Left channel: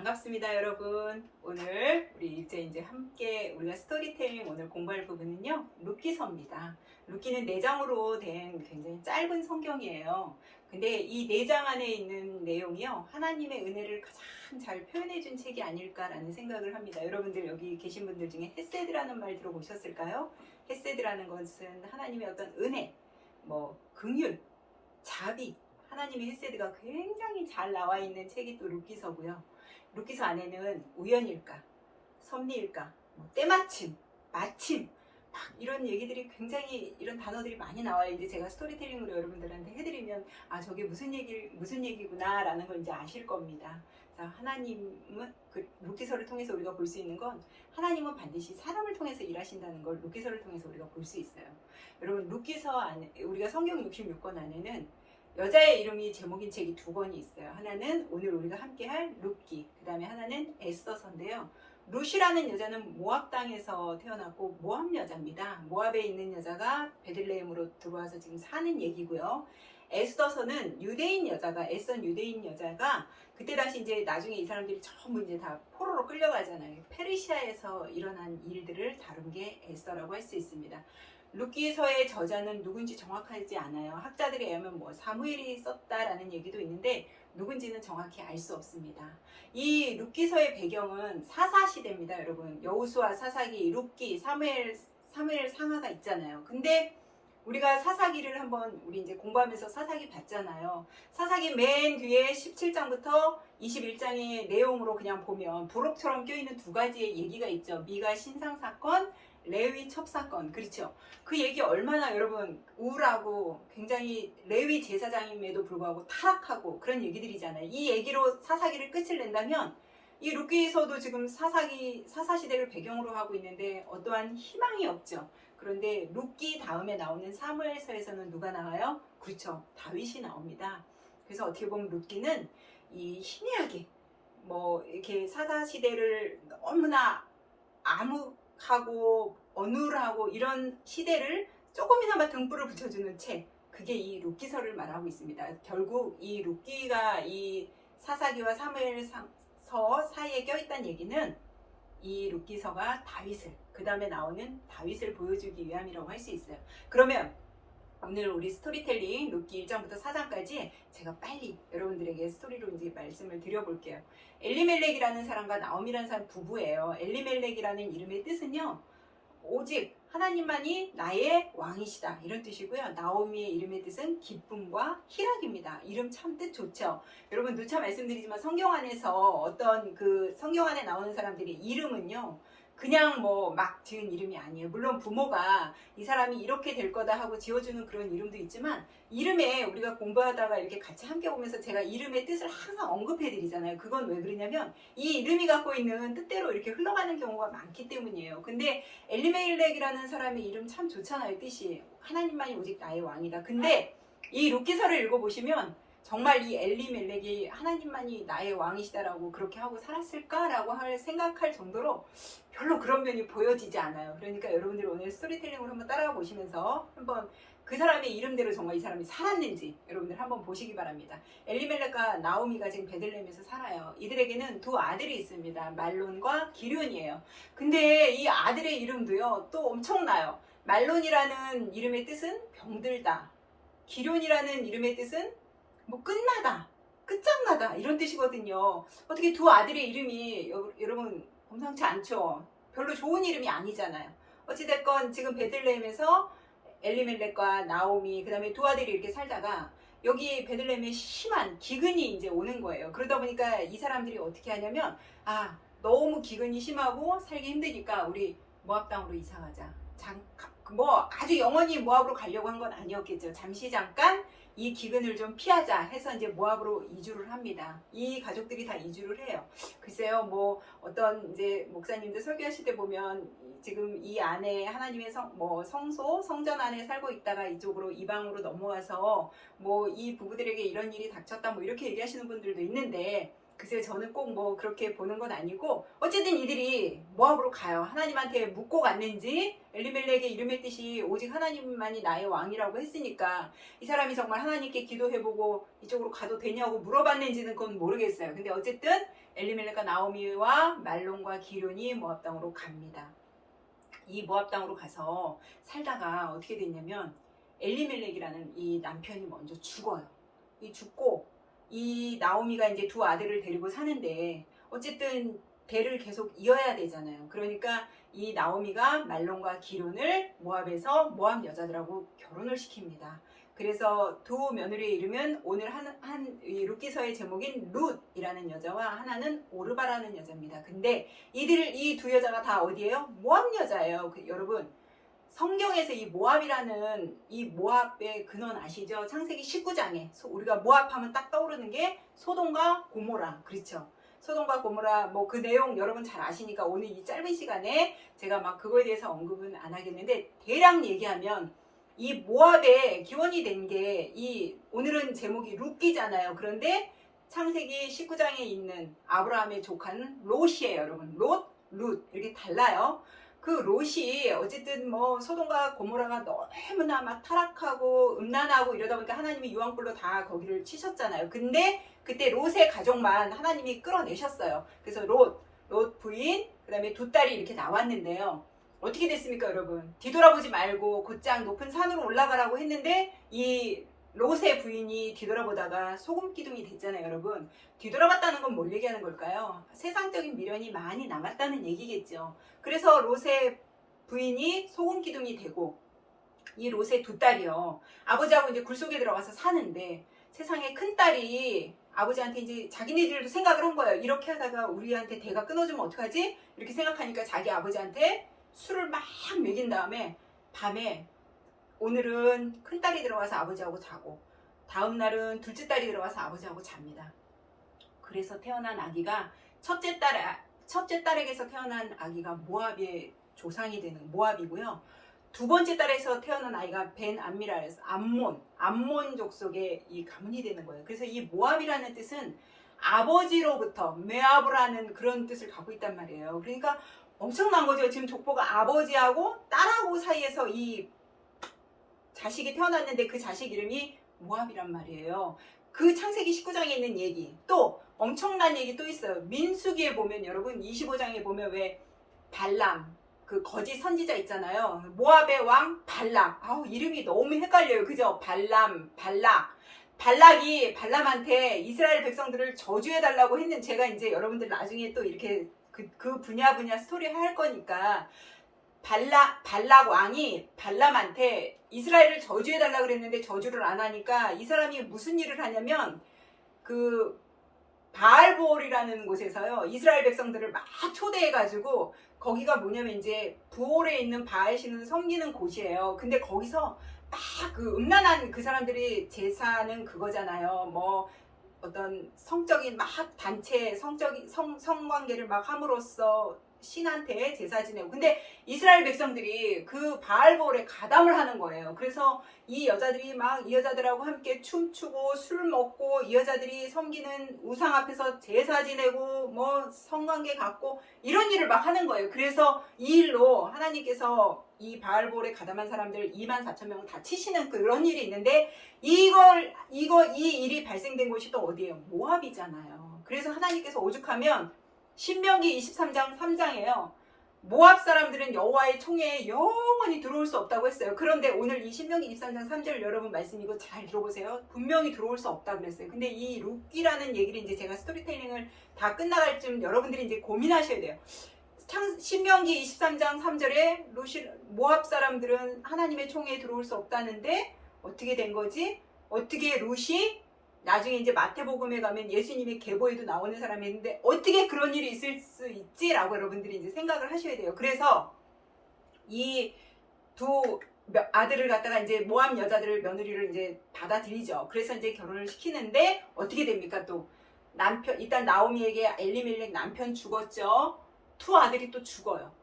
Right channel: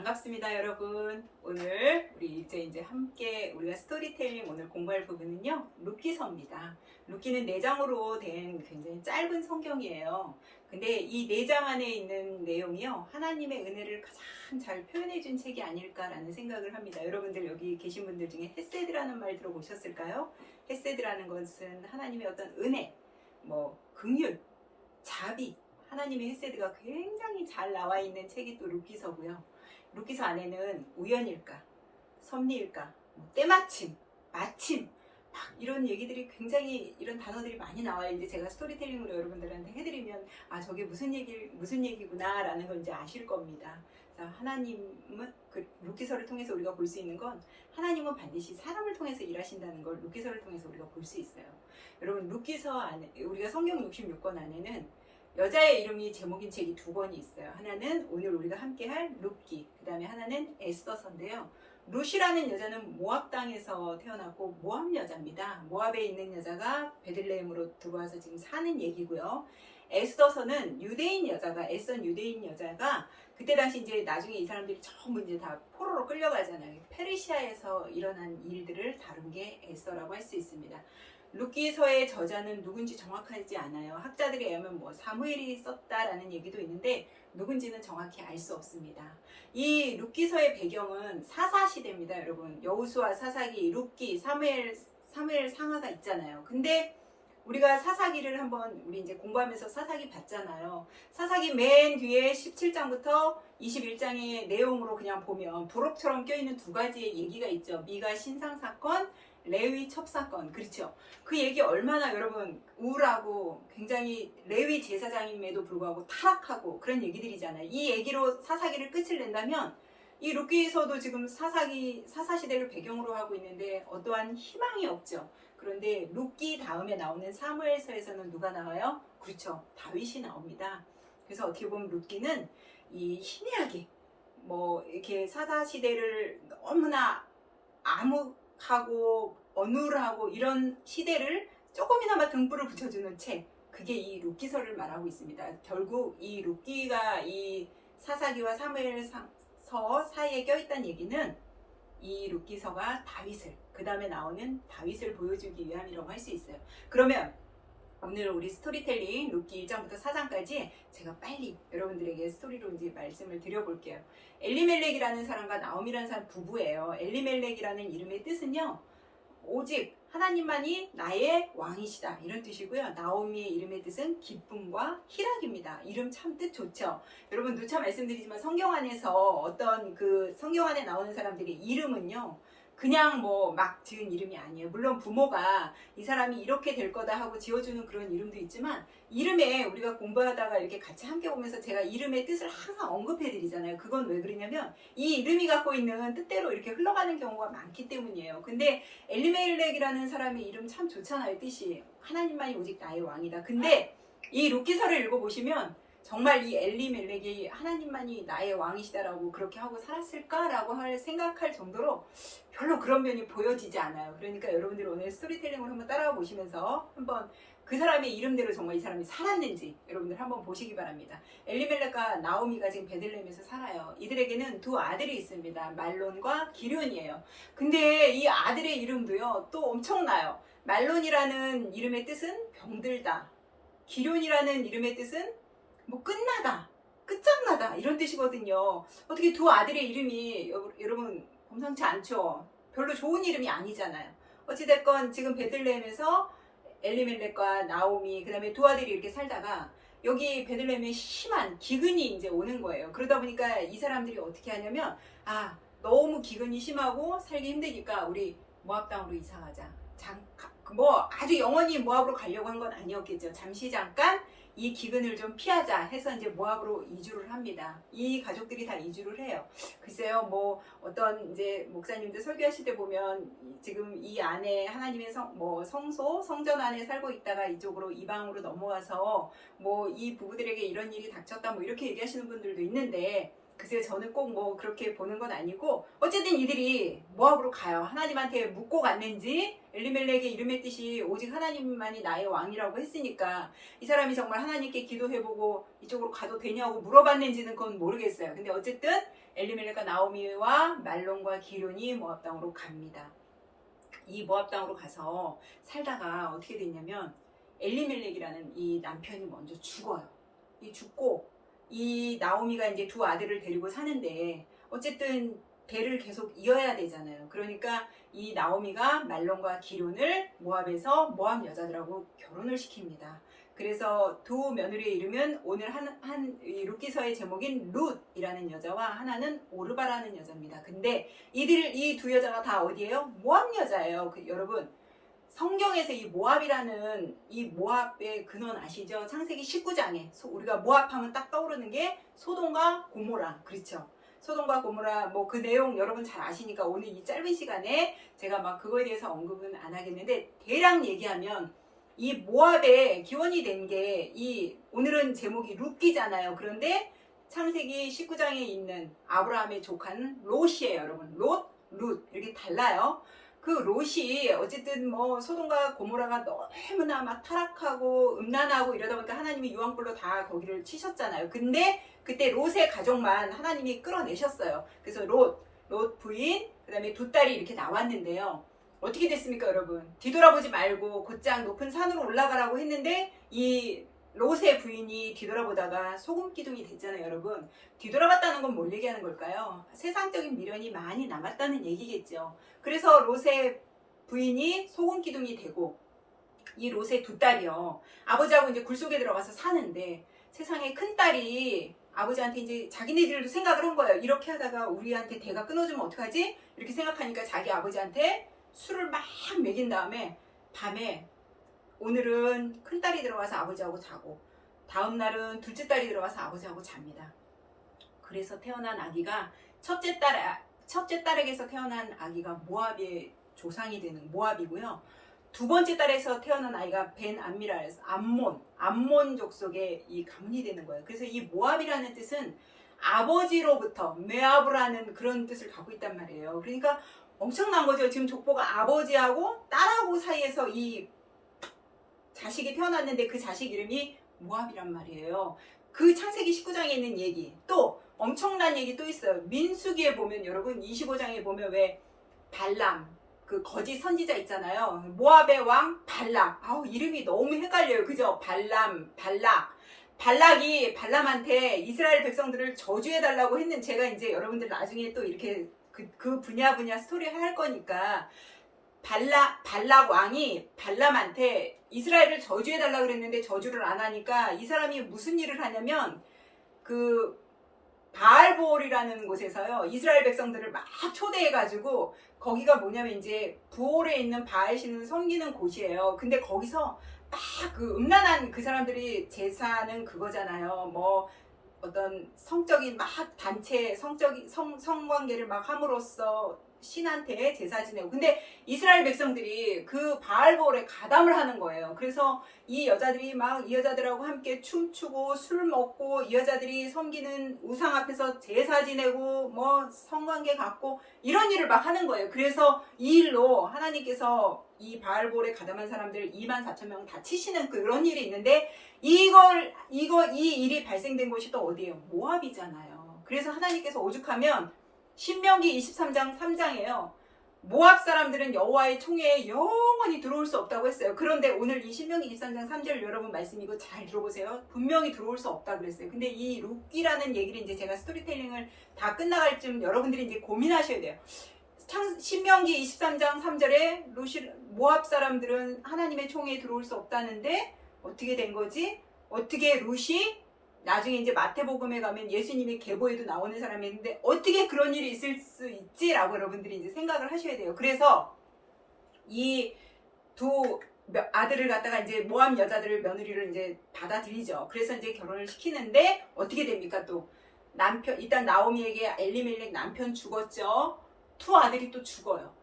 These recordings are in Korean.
반갑습니다, 여러분. 오늘 우리 이제 함께 우리가 스토리텔링 오늘 공부할 부분은요, 룻기서입니다. 룻기는 4장으로 된 굉장히 짧은 성경이에요. 근데 이 4장 안에 있는 내용이요, 하나님의 은혜를 가장 잘 표현해준 책이 아닐까라는 생각을 합니다. 여러분들 여기 계신 분들 중에 헤세드라는 말 들어보셨을까요? 헤세드라는 것은 하나님의 어떤 은혜, 긍휼, 자비, 하나님의 헤세드가 굉장히 잘 나와 있는 책이 또 룻기서고요. 룻기서 안에는 우연일까, 섭리일까, 때마침, 마침, 막 이런 얘기들이 굉장히 이런 단어들이 많이 나와요. 이제 제가 스토리텔링으로 여러분들한테 해드리면 저게 무슨 얘기구나라는 걸 이제 아실 겁니다. 그래서 하나님은 그 룻기서를 통해서 우리가 볼 수 있는 건 하나님은 반드시 사람을 통해서 일하신다는 걸 룻기서를 통해서 우리가 볼 수 있어요. 여러분 룻기서 안에 우리가 성경 66권 안에는 여자의 이름이 제목인 책이 2권이 있어요. 하나는 오늘 우리가 함께 할 룻기, 그 다음에 하나는 에스더서인데요. 룻이라는 여자는 모압 땅에서 태어났고 모압 여자입니다. 모압에 있는 여자가 베들레헴으로 들어와서 지금 사는 얘기고요. 에스더서는 유대인 여자가, 애선 유대인 여자가 그때 당시 이제 나중에 이 사람들이 전부 이제 다 포로로 끌려가잖아요. 페르시아에서 일어난 일들을 다룬 게 에스더라고 할 수 있습니다. 룻기서의 저자는 누군지 정확하지 않아요. 학자들에 의하면 사무엘이 썼다라는 얘기도 있는데 누군지는 정확히 알 수 없습니다. 이 룻기서의 배경은 사사시대입니다, 여러분. 여호수아, 사사기, 룻기, 사무엘 상하가 있잖아요. 근데 우리가 사사기를 한번 우리 이제 공부하면서 사사기 봤잖아요. 사사기 맨 뒤에 17장부터 21장의 내용으로 그냥 보면 부록처럼 껴있는 2가지의 얘기가 있죠. 미가 신상 사건, 레위 첩사건, 그렇죠? 그 얘기 얼마나 여러분 우울하고 굉장히 레위 제사장임에도 불구하고 타락하고 그런 얘기들이잖아요. 이 얘기로 사사기를 끝을 낸다면 이 룻기서도 지금 사사시대를 배경으로 하고 있는데 어떠한 희망이 없죠. 그런데 룻기 다음에 나오는 사무엘서에서는 누가 나와요? 그렇죠, 다윗이 나옵니다. 그래서 어떻게 보면 룻기는 이 희미하게 이렇게 사사시대를 너무나 암흑하고 어눌하고 이런 시대를 조금이나마 등불을 붙여주는 책, 그게 이 룻기서를 말하고 있습니다. 결국 이 룻기가 이 사사기와 사무엘서 사이에 껴있다는 얘기는 이 룻기서가 다윗을, 그 다음에 나오는 다윗을 보여주기 위함이라고 할 수 있어요. 그러면 오늘 우리 스토리텔링 룻기 1장부터 4장까지 제가 빨리 여러분들에게 스토리로 이제 말씀을 드려볼게요. 엘리멜렉이라는 사람과 나옴이라는 사람 부부예요. 엘리멜렉이라는 이름의 뜻은요, 오직 하나님만이 나의 왕이시다, 이런 뜻이고요. 나오미의 이름의 뜻은 기쁨과 희락입니다. 이름 참 뜻 좋죠. 여러분 누차 말씀드리지만 성경 안에서 어떤 그 성경 안에 나오는 사람들의 이름은요, 그냥 막 지은 이름이 아니에요. 물론 부모가 이 사람이 이렇게 될 거다 하고 지어주는 그런 이름도 있지만, 이름에 우리가 공부하다가 이렇게 같이 함께 보면서 제가 이름의 뜻을 항상 언급해 드리잖아요. 그건 왜 그러냐면 이 이름이 갖고 있는 뜻대로 이렇게 흘러가는 경우가 많기 때문이에요. 근데 엘리멜렉이라는 사람의 이름 참 좋잖아요. 뜻이 하나님만이 오직 나의 왕이다. 근데 이 룻기서를 읽어보시면 정말 이 엘리멜렉이 하나님만이 나의 왕이시다라고 그렇게 하고 살았을까라고 생각할 정도로 별로 그런 면이 보여지지 않아요. 그러니까 여러분들이 오늘 스토리텔링을 한번 따라가 보시면서 한번 그 사람의 이름대로 정말 이 사람이 살았는지 여러분들 한번 보시기 바랍니다. 엘리멜렉과 나오미가 지금 베들레헴에서 살아요. 이들에게는 2 아들이 있습니다. 말론과 기륜이에요. 근데 이 아들의 이름도요, 또 엄청나요. 말론이라는 이름의 뜻은 병들다, 기륜이라는 이름의 뜻은 끝나다, 끝장나다, 이런 뜻이거든요. 어떻게 2 아들의 이름이 여러분 범상치 않죠. 별로 좋은 이름이 아니잖아요. 어찌됐건 지금 베들레헴에서 엘리멜렉과 나오미, 그 다음에 2 아들이 이렇게 살다가 여기 베들레헴에 심한 기근이 이제 오는 거예요. 그러다 보니까 이 사람들이 어떻게 하냐면, 너무 기근이 심하고 살기 힘드니까 우리 모압 땅으로 이사 가자. 아주 영원히 모압으로 가려고 한 건 아니었겠죠. 잠시 잠깐 이 기근을 좀 피하자 해서 이제 모압으로 이주를 합니다. 이 가족들이 다 이주를 해요. 글쎄요, 어떤 이제 목사님들 설교하실 때 보면 지금 이 안에 하나님의 성소, 성전 안에 살고 있다가 이쪽으로 이방으로 넘어와서 이 부부들에게 이런 일이 닥쳤다 이렇게 얘기하시는 분들도 있는데, 글쎄요, 저는 꼭 뭐 그렇게 보는 건 아니고 어쨌든 이들이 모압으로 가요. 하나님한테 묻고 갔는지, 엘리멜렉의 이름의 뜻이 오직 하나님만이 나의 왕이라고 했으니까 이 사람이 정말 하나님께 기도해보고 이쪽으로 가도 되냐고 물어봤는지는 그건 모르겠어요. 근데 어쨌든 엘리멜렉과 나오미와 말론과 기럐이 모압 땅으로 갑니다. 이 모압 땅으로 가서 살다가 어떻게 됐냐면 엘리멜렉이라는 이 남편이 먼저 죽어요. 이 죽고 이 나오미가 이제 두 아들을 데리고 사는데 어쨌든 대를 계속 이어야 되잖아요. 그러니까 이 나오미가 말론과 기럐을 모압에서 모압 여자들하고 결혼을 시킵니다. 그래서 두 며느리의 이름은 오늘 이 룻기서의 제목인 룻이라는 여자와 하나는 오르바라는 여자입니다. 근데 이 두 여자가 다 어디예요? 모압 여자예요. 여러분, 성경에서 이 모압이라는 이 모압의 근원 아시죠? 창세기 19장에 우리가 모압하면 딱 떠오르는 게 소돔과 고모라, 그렇죠? 소돔과 고모라 뭐 그 내용 여러분 잘 아시니까 오늘 이 짧은 시간에 제가 막 그거에 대해서 언급은 안 하겠는데, 대략 얘기하면 이 모압의 기원이 된 게 이 오늘은 제목이 룻기잖아요. 그런데 창세기 19장에 있는 아브라함의 조카는 롯이에요, 여러분. 룻 이렇게 달라요. 그 롯이 어쨌든 뭐 소돔과 고모라가 너무나 막 타락하고 음란하고 이러다 보니까 하나님이 유황불로 다 거기를 치셨잖아요. 근데 그때 롯의 가족만 하나님이 끌어내셨어요. 그래서 롯 부인, 그 다음에 두 딸이 이렇게 나왔는데요. 어떻게 됐습니까, 여러분? 뒤돌아보지 말고 곧장 높은 산으로 올라가라고 했는데 이 롯의 부인이 뒤돌아보다가 소금 기둥이 됐잖아요, 여러분. 뒤돌아봤다는 건 뭘 얘기하는 걸까요? 세상적인 미련이 많이 남았다는 얘기겠죠. 그래서 롯의 부인이 소금 기둥이 되고 이 롯의 두 딸이요, 아버지하고 이제 굴속에 들어가서 사는데 세상에 큰 딸이 아버지한테 이제 자기네들도 생각을 한 거예요. 이렇게 하다가 우리한테 대가 끊어지면 어떡하지? 이렇게 생각하니까 자기 아버지한테 술을 막 먹인 다음에 밤에 오늘은 큰딸이 들어와서 아버지하고 자고 다음 날은 둘째 딸이 들어와서 아버지하고 잡니다. 그래서 태어난 아기가 첫째 딸에게서 태어난 아기가 모압의 조상이 되는 모압이고요. 두 번째 딸에서 태어난 아이가 벤 암미라에서 암몬 족속의 이 가문이 되는 거예요. 그래서 이 모압이라는 뜻은 아버지로부터 메아브라는 그런 뜻을 갖고 있단 말이에요. 그러니까 엄청난 거죠. 지금 족보가 아버지하고 딸하고 사이에서 이 자식이 태어났는데 그 자식 이름이 모압이란 말이에요. 그 창세기 19장에 있는 얘기, 또 엄청난 얘기 또 있어요. 민수기에 보면 여러분 25장에 보면 왜 발람, 그 거짓 선지자 있잖아요. 모압의 왕 발락. 이름이 너무 헷갈려요. 그죠? 발락이 발람한테 이스라엘 백성들을 저주해달라고 했는, 제가 이제 여러분들 나중에 또 이렇게 그 분야 스토리 할 거니까 발락 왕이 발람한테 이스라엘을 저주해달라고 그랬는데 저주를 안 하니까 이 사람이 무슨 일을 하냐면 그 바알보올이라는 곳에서요, 이스라엘 백성들을 막 초대해가지고, 거기가 뭐냐면 이제 부올에 있는 바알 신을 섬기는 곳이에요. 근데 거기서 막 그 음란한 그 사람들이 제사는 그거잖아요. 뭐 어떤 성적인 막 단체 성관계를 막 함으로써 신한테 제사 지내고, 근데 이스라엘 백성들이 그 바알볼에 가담을 하는 거예요. 그래서 이 여자들이 막 이 여자들하고 함께 춤추고 술 먹고 이 여자들이 섬기는 우상 앞에서 제사 지내고 뭐 성관계 갖고 이런 일을 막 하는 거예요. 그래서 이 일로 하나님께서 이 바알볼에 가담한 사람들 24,000명 다 치시는 그런 일이 있는데, 이 일이 발생된 곳이 또 어디예요? 모압이잖아요. 그래서 하나님께서 오죽하면 신명기 23장 3장에요. 모압 사람들은 여호와의 총회에 영원히 들어올 수 없다고 했어요. 그런데 오늘 이 신명기 23장 3절 여러분 말씀 이거 잘 들어보세요. 분명히 들어올 수 없다 그랬어요. 근데 이 룻기라는 얘기를 이제 제가 스토리텔링을 다 끝나갈 쯤 여러분들이 이제 고민하셔야 돼요. 신명기 23장 3절에 모압 사람들은 하나님의 총회에 들어올 수 없다는데 어떻게 된 거지? 어떻게 룻이 나중에 이제 마태복음에 가면 예수님의 계보에도 나오는 사람이 있는데 어떻게 그런 일이 있을 수 있지라고 여러분들이 이제 생각을 하셔야 돼요. 그래서 이 두 아들을 갖다가 이제 모압 여자들을 며느리를 이제 받아들이죠. 그래서 이제 결혼을 시키는데 어떻게 됩니까? 또 남편, 일단 나오미에게 엘리멜렉 남편 죽었죠. 두 아들이 또 죽어요.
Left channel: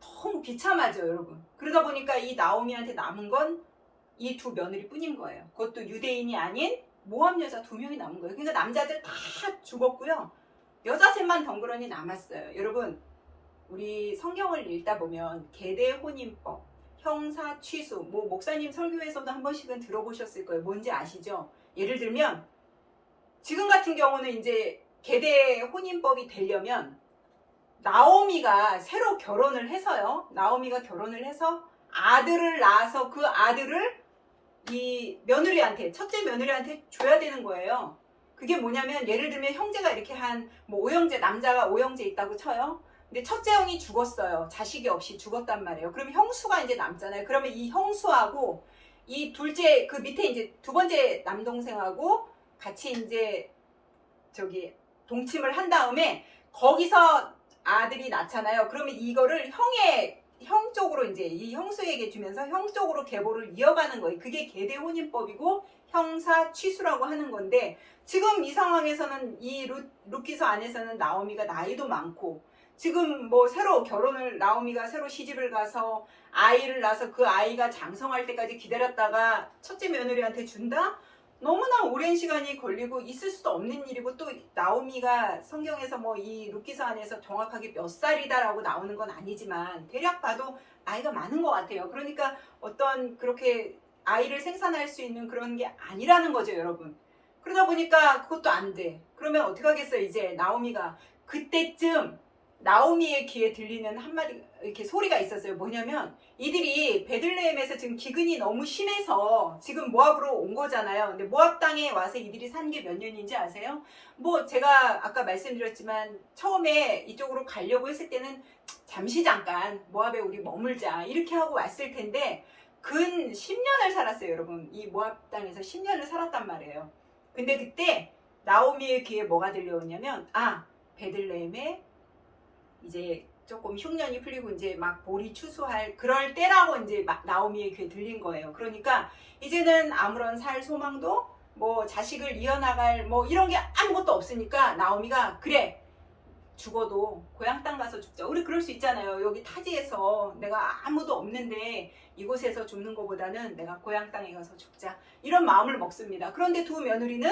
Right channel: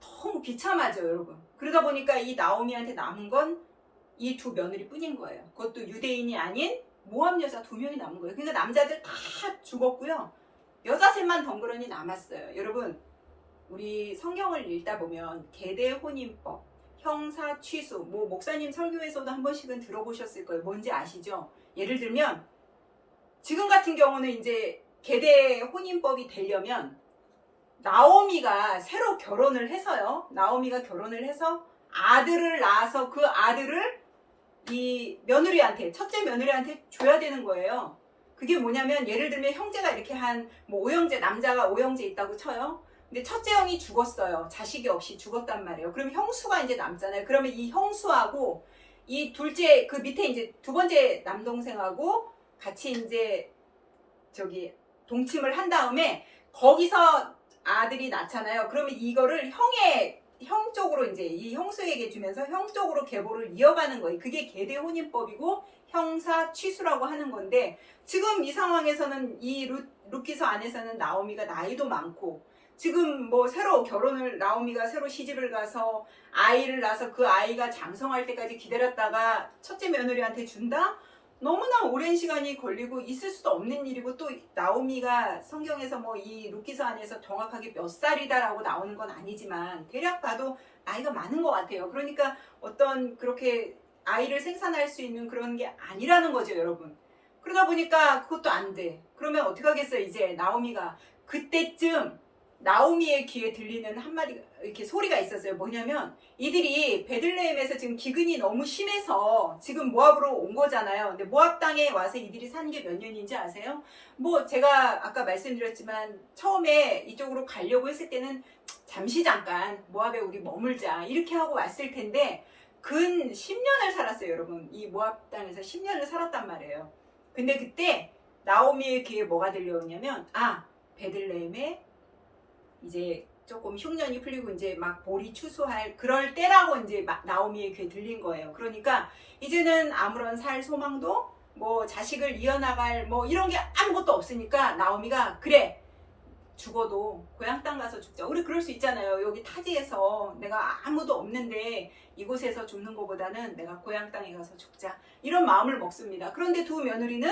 너무 비참하죠, 여러분. 그러다 보니까 이 나오미한테 남은 건 이 두 며느리 뿐인 거예요. 그것도 유대인이 아닌 모함 여자 2명이 남은 거예요. 그러니까 남자들 다 죽었고요. 여자 셋만 덩그러니 남았어요. 여러분, 우리 성경을 읽다 보면 계대 혼인법, 형사 취수, 뭐 목사님 설교에서도 한 번씩은 들어보셨을 거예요. 뭔지 아시죠? 예를 들면 지금 같은 경우는 이제 계대 혼인법이 되려면 나오미가 새로 결혼을 해서요. 나오미가 결혼을 해서 아들을 낳아서 그 아들을 이 며느리한테, 첫째 며느리한테 줘야 되는 거예요. 그게 뭐냐면 예를 들면 형제가 이렇게 한 뭐 오형제, 남자가 오형제 있다고 쳐요. 근데 첫째 형이 죽었어요. 자식이 없이 죽었단 말이에요. 그러면 형수가 이제 남잖아요. 그러면 이 형수하고 이 둘째 그 밑에 이제 두 번째 남동생하고 같이 이제 저기 동침을 한 다음에 거기서 아들이 낳잖아요. 그러면 이거를 형 쪽으로 이제 이 형수에게 주면서 형 쪽으로 계보를 이어가는 거예요. 그게 계대 혼인법이고 형사 취수라고 하는 건데 지금 이 상황에서는 이 룻기서 안에서는 나오미가 나이도 많고 지금 뭐 새로 결혼을 나오미가 새로 시집을 가서 아이를 낳아서 그 아이가 장성할 때까지 기다렸다가 첫째 며느리한테 준다? 너무나 오랜 시간이 걸리고 있을 수도 없는 일이고 또 나오미가 성경에서 뭐 이 룻기서 안에서 정확하게 몇 살이다라고 나오는 건 아니지만 대략 봐도 나이가 많은 것 같아요. 그러니까 어떤 그렇게 아이를 생산할 수 있는 그런 게 아니라는 거죠, 여러분. 그러다 보니까 그것도 안 돼. 그러면 어떻게 하겠어요? 이제 나오미가 그때쯤 나오미의 귀에 들리는 한마디 이렇게 소리가 있었어요. 뭐냐면 이들이 베들레헴에서 지금 기근이 너무 심해서 지금 모압으로 온 거잖아요. 근데 모압 땅에 와서 이들이 산 게 몇 년인지 아세요? 뭐 제가 아까 말씀드렸지만 처음에 이쪽으로 가려고 했을 때는 잠깐 모압에 우리 머물자 이렇게 하고 왔을 텐데 근 10년을 살았어요, 여러분. 이 모압 땅에서 10년을 살았단 말이에요. 근데 그때 나오미의 귀에 뭐가 들려오냐면 베들레헴에 이제 조금 흉년이 풀리고 이제 막 볼이 추수할 그럴 때라고 이제 나오미의 귀에 들린 거예요. 그러니까 이제는 아무런 살 소망도 뭐 자식을 이어나갈 뭐 이런 게 아무것도 없으니까 나오미가 그래 죽어도 고향 땅 가서 죽자. 우리 그럴 수 있잖아요. 여기 타지에서 내가 아무도 없는데 이곳에서 죽는 것보다는 내가 고향 땅에 가서 죽자. 이런 마음을 먹습니다. 그런데 두 며느리는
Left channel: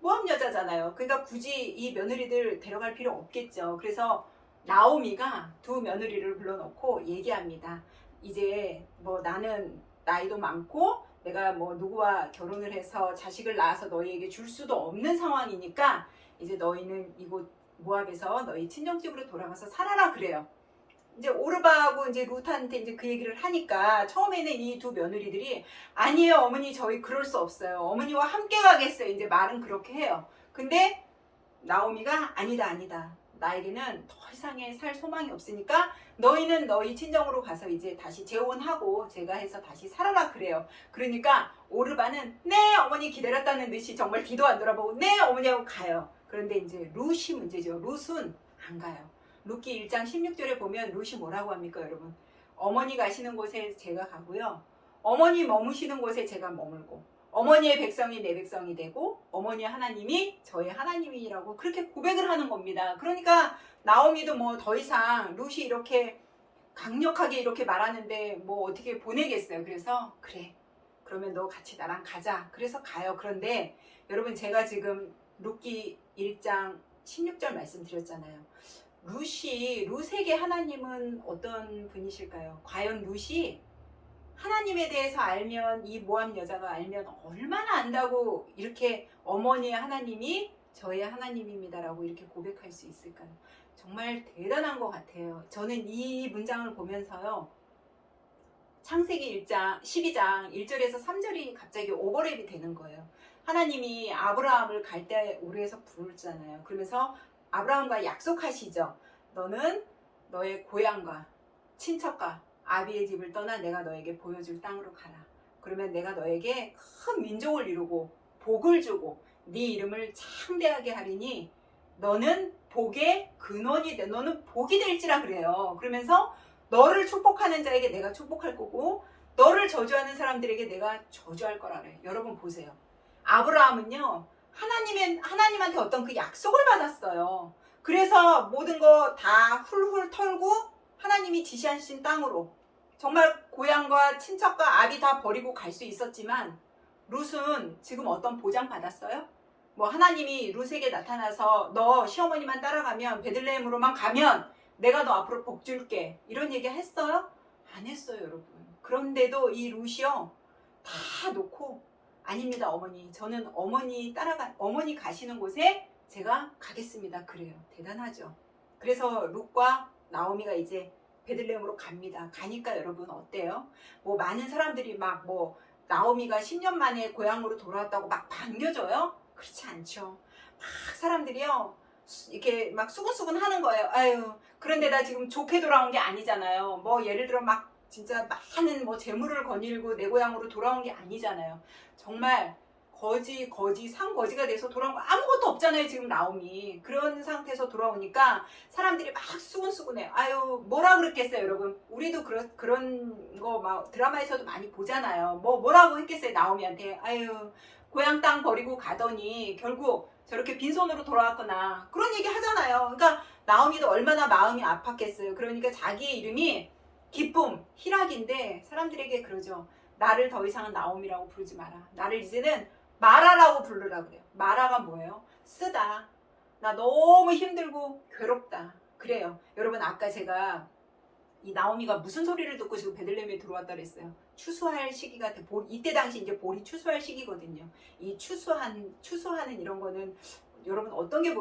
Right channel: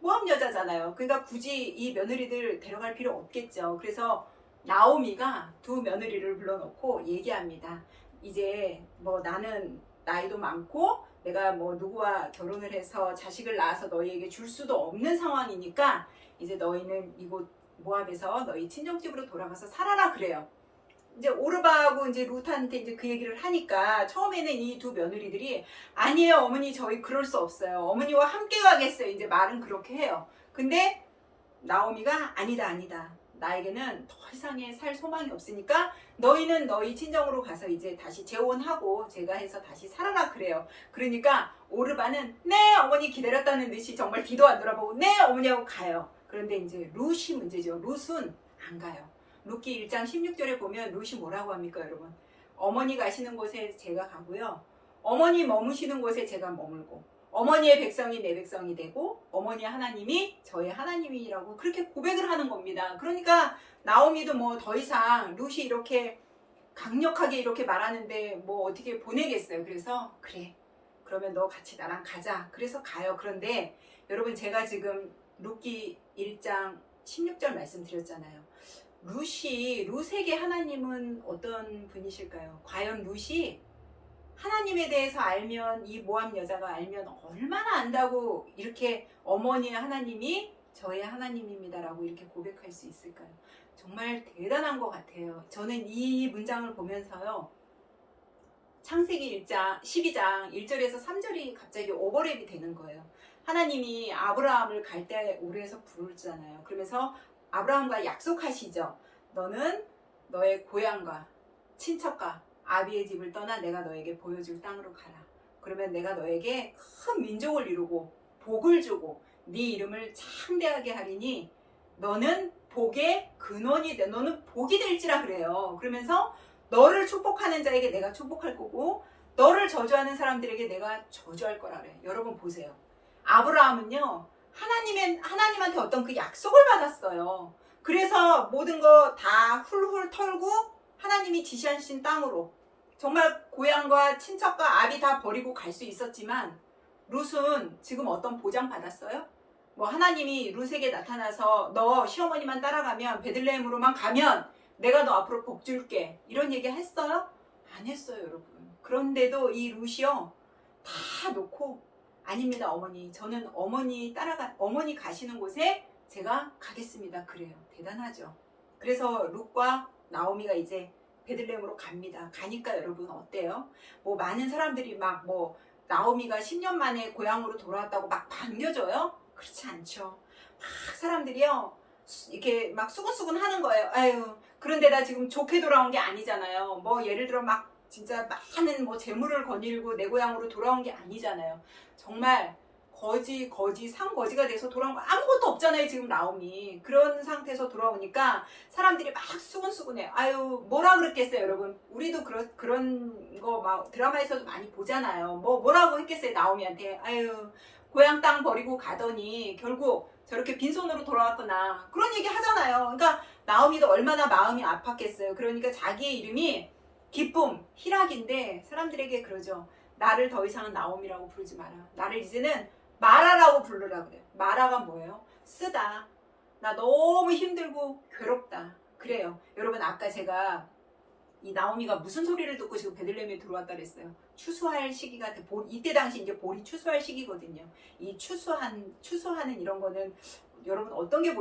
모함 여자잖아요. 그러니까 굳이 이 며느리들 데려갈 필요 없겠죠. 그래서 나오미가 두 며느리를 불러놓고 얘기합니다. 이제 뭐 나는 나이도 많고 내가 뭐 누구와 결혼을 해서 자식을 낳아서 너희에게 줄 수도 없는 상황이니까 이제 너희는 이곳 모압에서 너희 친정집으로 돌아가서 살아라 그래요. 이제 오르바하고 이제 룻한테 이제 그 얘기를 하니까 처음에는 이 두 며느리들이 아니에요 어머니 저희 그럴 수 없어요. 어머니와 함께 가겠어요. 이제 말은 그렇게 해요. 근데 나오미가 아니다. 나에게는 더 이상의 살 소망이 없으니까 너희는 너희 친정으로 가서 이제 다시 재혼하고 제가 해서 다시 살아라 그래요. 그러니까 오르바는 네 어머니 기다렸다는 듯이 정말 뒤도 안 돌아보고 네 어머니 하고 가요. 그런데 이제 룻이 문제죠. 룻은 안 가요. 룻기 1장 16절에 보면 룻이 뭐라고 합니까 여러분? 어머니 가시는 곳에 제가 가고요. 어머니 머무시는 곳에 제가 머물고 어머니의 백성이 내 백성이 되고 어머니 하나님이 저의 하나님이라고 그렇게 고백을 하는 겁니다. 그러니까 나오미도 뭐 더 이상 룻이 이렇게 강력하게 이렇게 말하는데 뭐 어떻게 보내겠어요. 그래서 그래 그러면 너 같이 나랑 가자. 그래서 가요. 그런데 여러분 제가 지금 룻기 1장 16절 말씀드렸잖아요. 룻에게 하나님은 어떤 분이실까요? 과연 룻이 하나님에 대해서 알면 이 모함 여자가 알면 얼마나 안다고 이렇게 어머니의 하나님이 저의 하나님입니다라고 이렇게 고백할 수 있을까요? 정말 대단한 것 같아요. 저는 이 문장을 보면서요. 창세기 1장 12장 1절에서 3절이 갑자기 오버랩이 되는 거예요. 하나님이 아브라함을 갈대 오르에서 부르잖아요. 그러면서 아브라함과 약속하시죠. 너는 너의 고향과 친척과 아비의 집을 떠나 내가 너에게 보여줄 땅으로 가라. 그러면 내가 너에게 큰 민족을 이루고 복을 주고 네 이름을 창대하게 하리니 너는 복의 근원이 돼. 너는 복이 될지라 그래요. 그러면서 너를 축복하는 자에게 내가 축복할 거고 너를 저주하는 사람들에게 내가 저주할 거라 그래요. 여러분 보세요. 아브라함은요. 하나님한테 어떤 그 약속을 받았어요. 그래서 모든 거 다 훌훌 털고 하나님이 지시하신 땅으로 정말 고향과 친척과 아비 다 버리고 갈 수 있었지만 룻은 지금 어떤 보장 받았어요? 뭐 하나님이 룻에게 나타나서 너 시어머니만 따라가면 베들레헴으로만 가면 내가 너 앞으로 복 줄게 이런 얘기 했어요? 안 했어요, 여러분. 그런데도 이 룻이요 다 놓고 아닙니다, 어머니. 저는 어머니 가시는 곳에 제가 가겠습니다. 그래요. 대단하죠. 그래서 룻과 나오미가 이제 베들레헴으로 갑니다. 가니까 여러분 어때요? 뭐 많은 사람들이 막 뭐 나오미가 10년 만에 고향으로 돌아왔다고 막 반겨줘요? 그렇지 않죠. 막 사람들이요 이렇게 막 수근수근 하는 거예요. 아유, 그런데 나 지금 좋게 돌아온 게 아니잖아요. 뭐 예를 들어 막 진짜 많은 뭐 재물을 거닐고 내 고향으로 돌아온 게 아니잖아요. 정말 상거지가 돼서 돌아온 거 아무것도 없잖아요. 지금 나오미 그런 상태에서 돌아오니까 사람들이 막 수근수근해요. 아유, 뭐라 그랬겠어요, 여러분. 우리도 그런 거 막 드라마에서도 많이 보잖아요. 뭐라고 했겠어요, 나오미한테. 아유, 고향 땅 버리고 가더니 결국 저렇게 빈손으로 돌아왔거나 그런 얘기 하잖아요. 그러니까 나오미도 얼마나 마음이 아팠겠어요. 그러니까 자기의 이름이 기쁨, 희락인데 사람들에게 그러죠. 나를 더 이상은 나오미라고 부르지 마라. 나를 이제는 마라라고 부르라 그래요. 마라가 뭐예요? 쓰다. 나 너무 힘들고 괴롭다. 그래요. 여러분 아까 제가 이 나오미가 무슨 소리를 듣고 지금 베들레헴에 들어왔다 그랬어요. 추수할 시기가 이때 당시 이제 볼이 추수할 시기거든요. 이 추수하는 이런 거는 여러분 어떤 게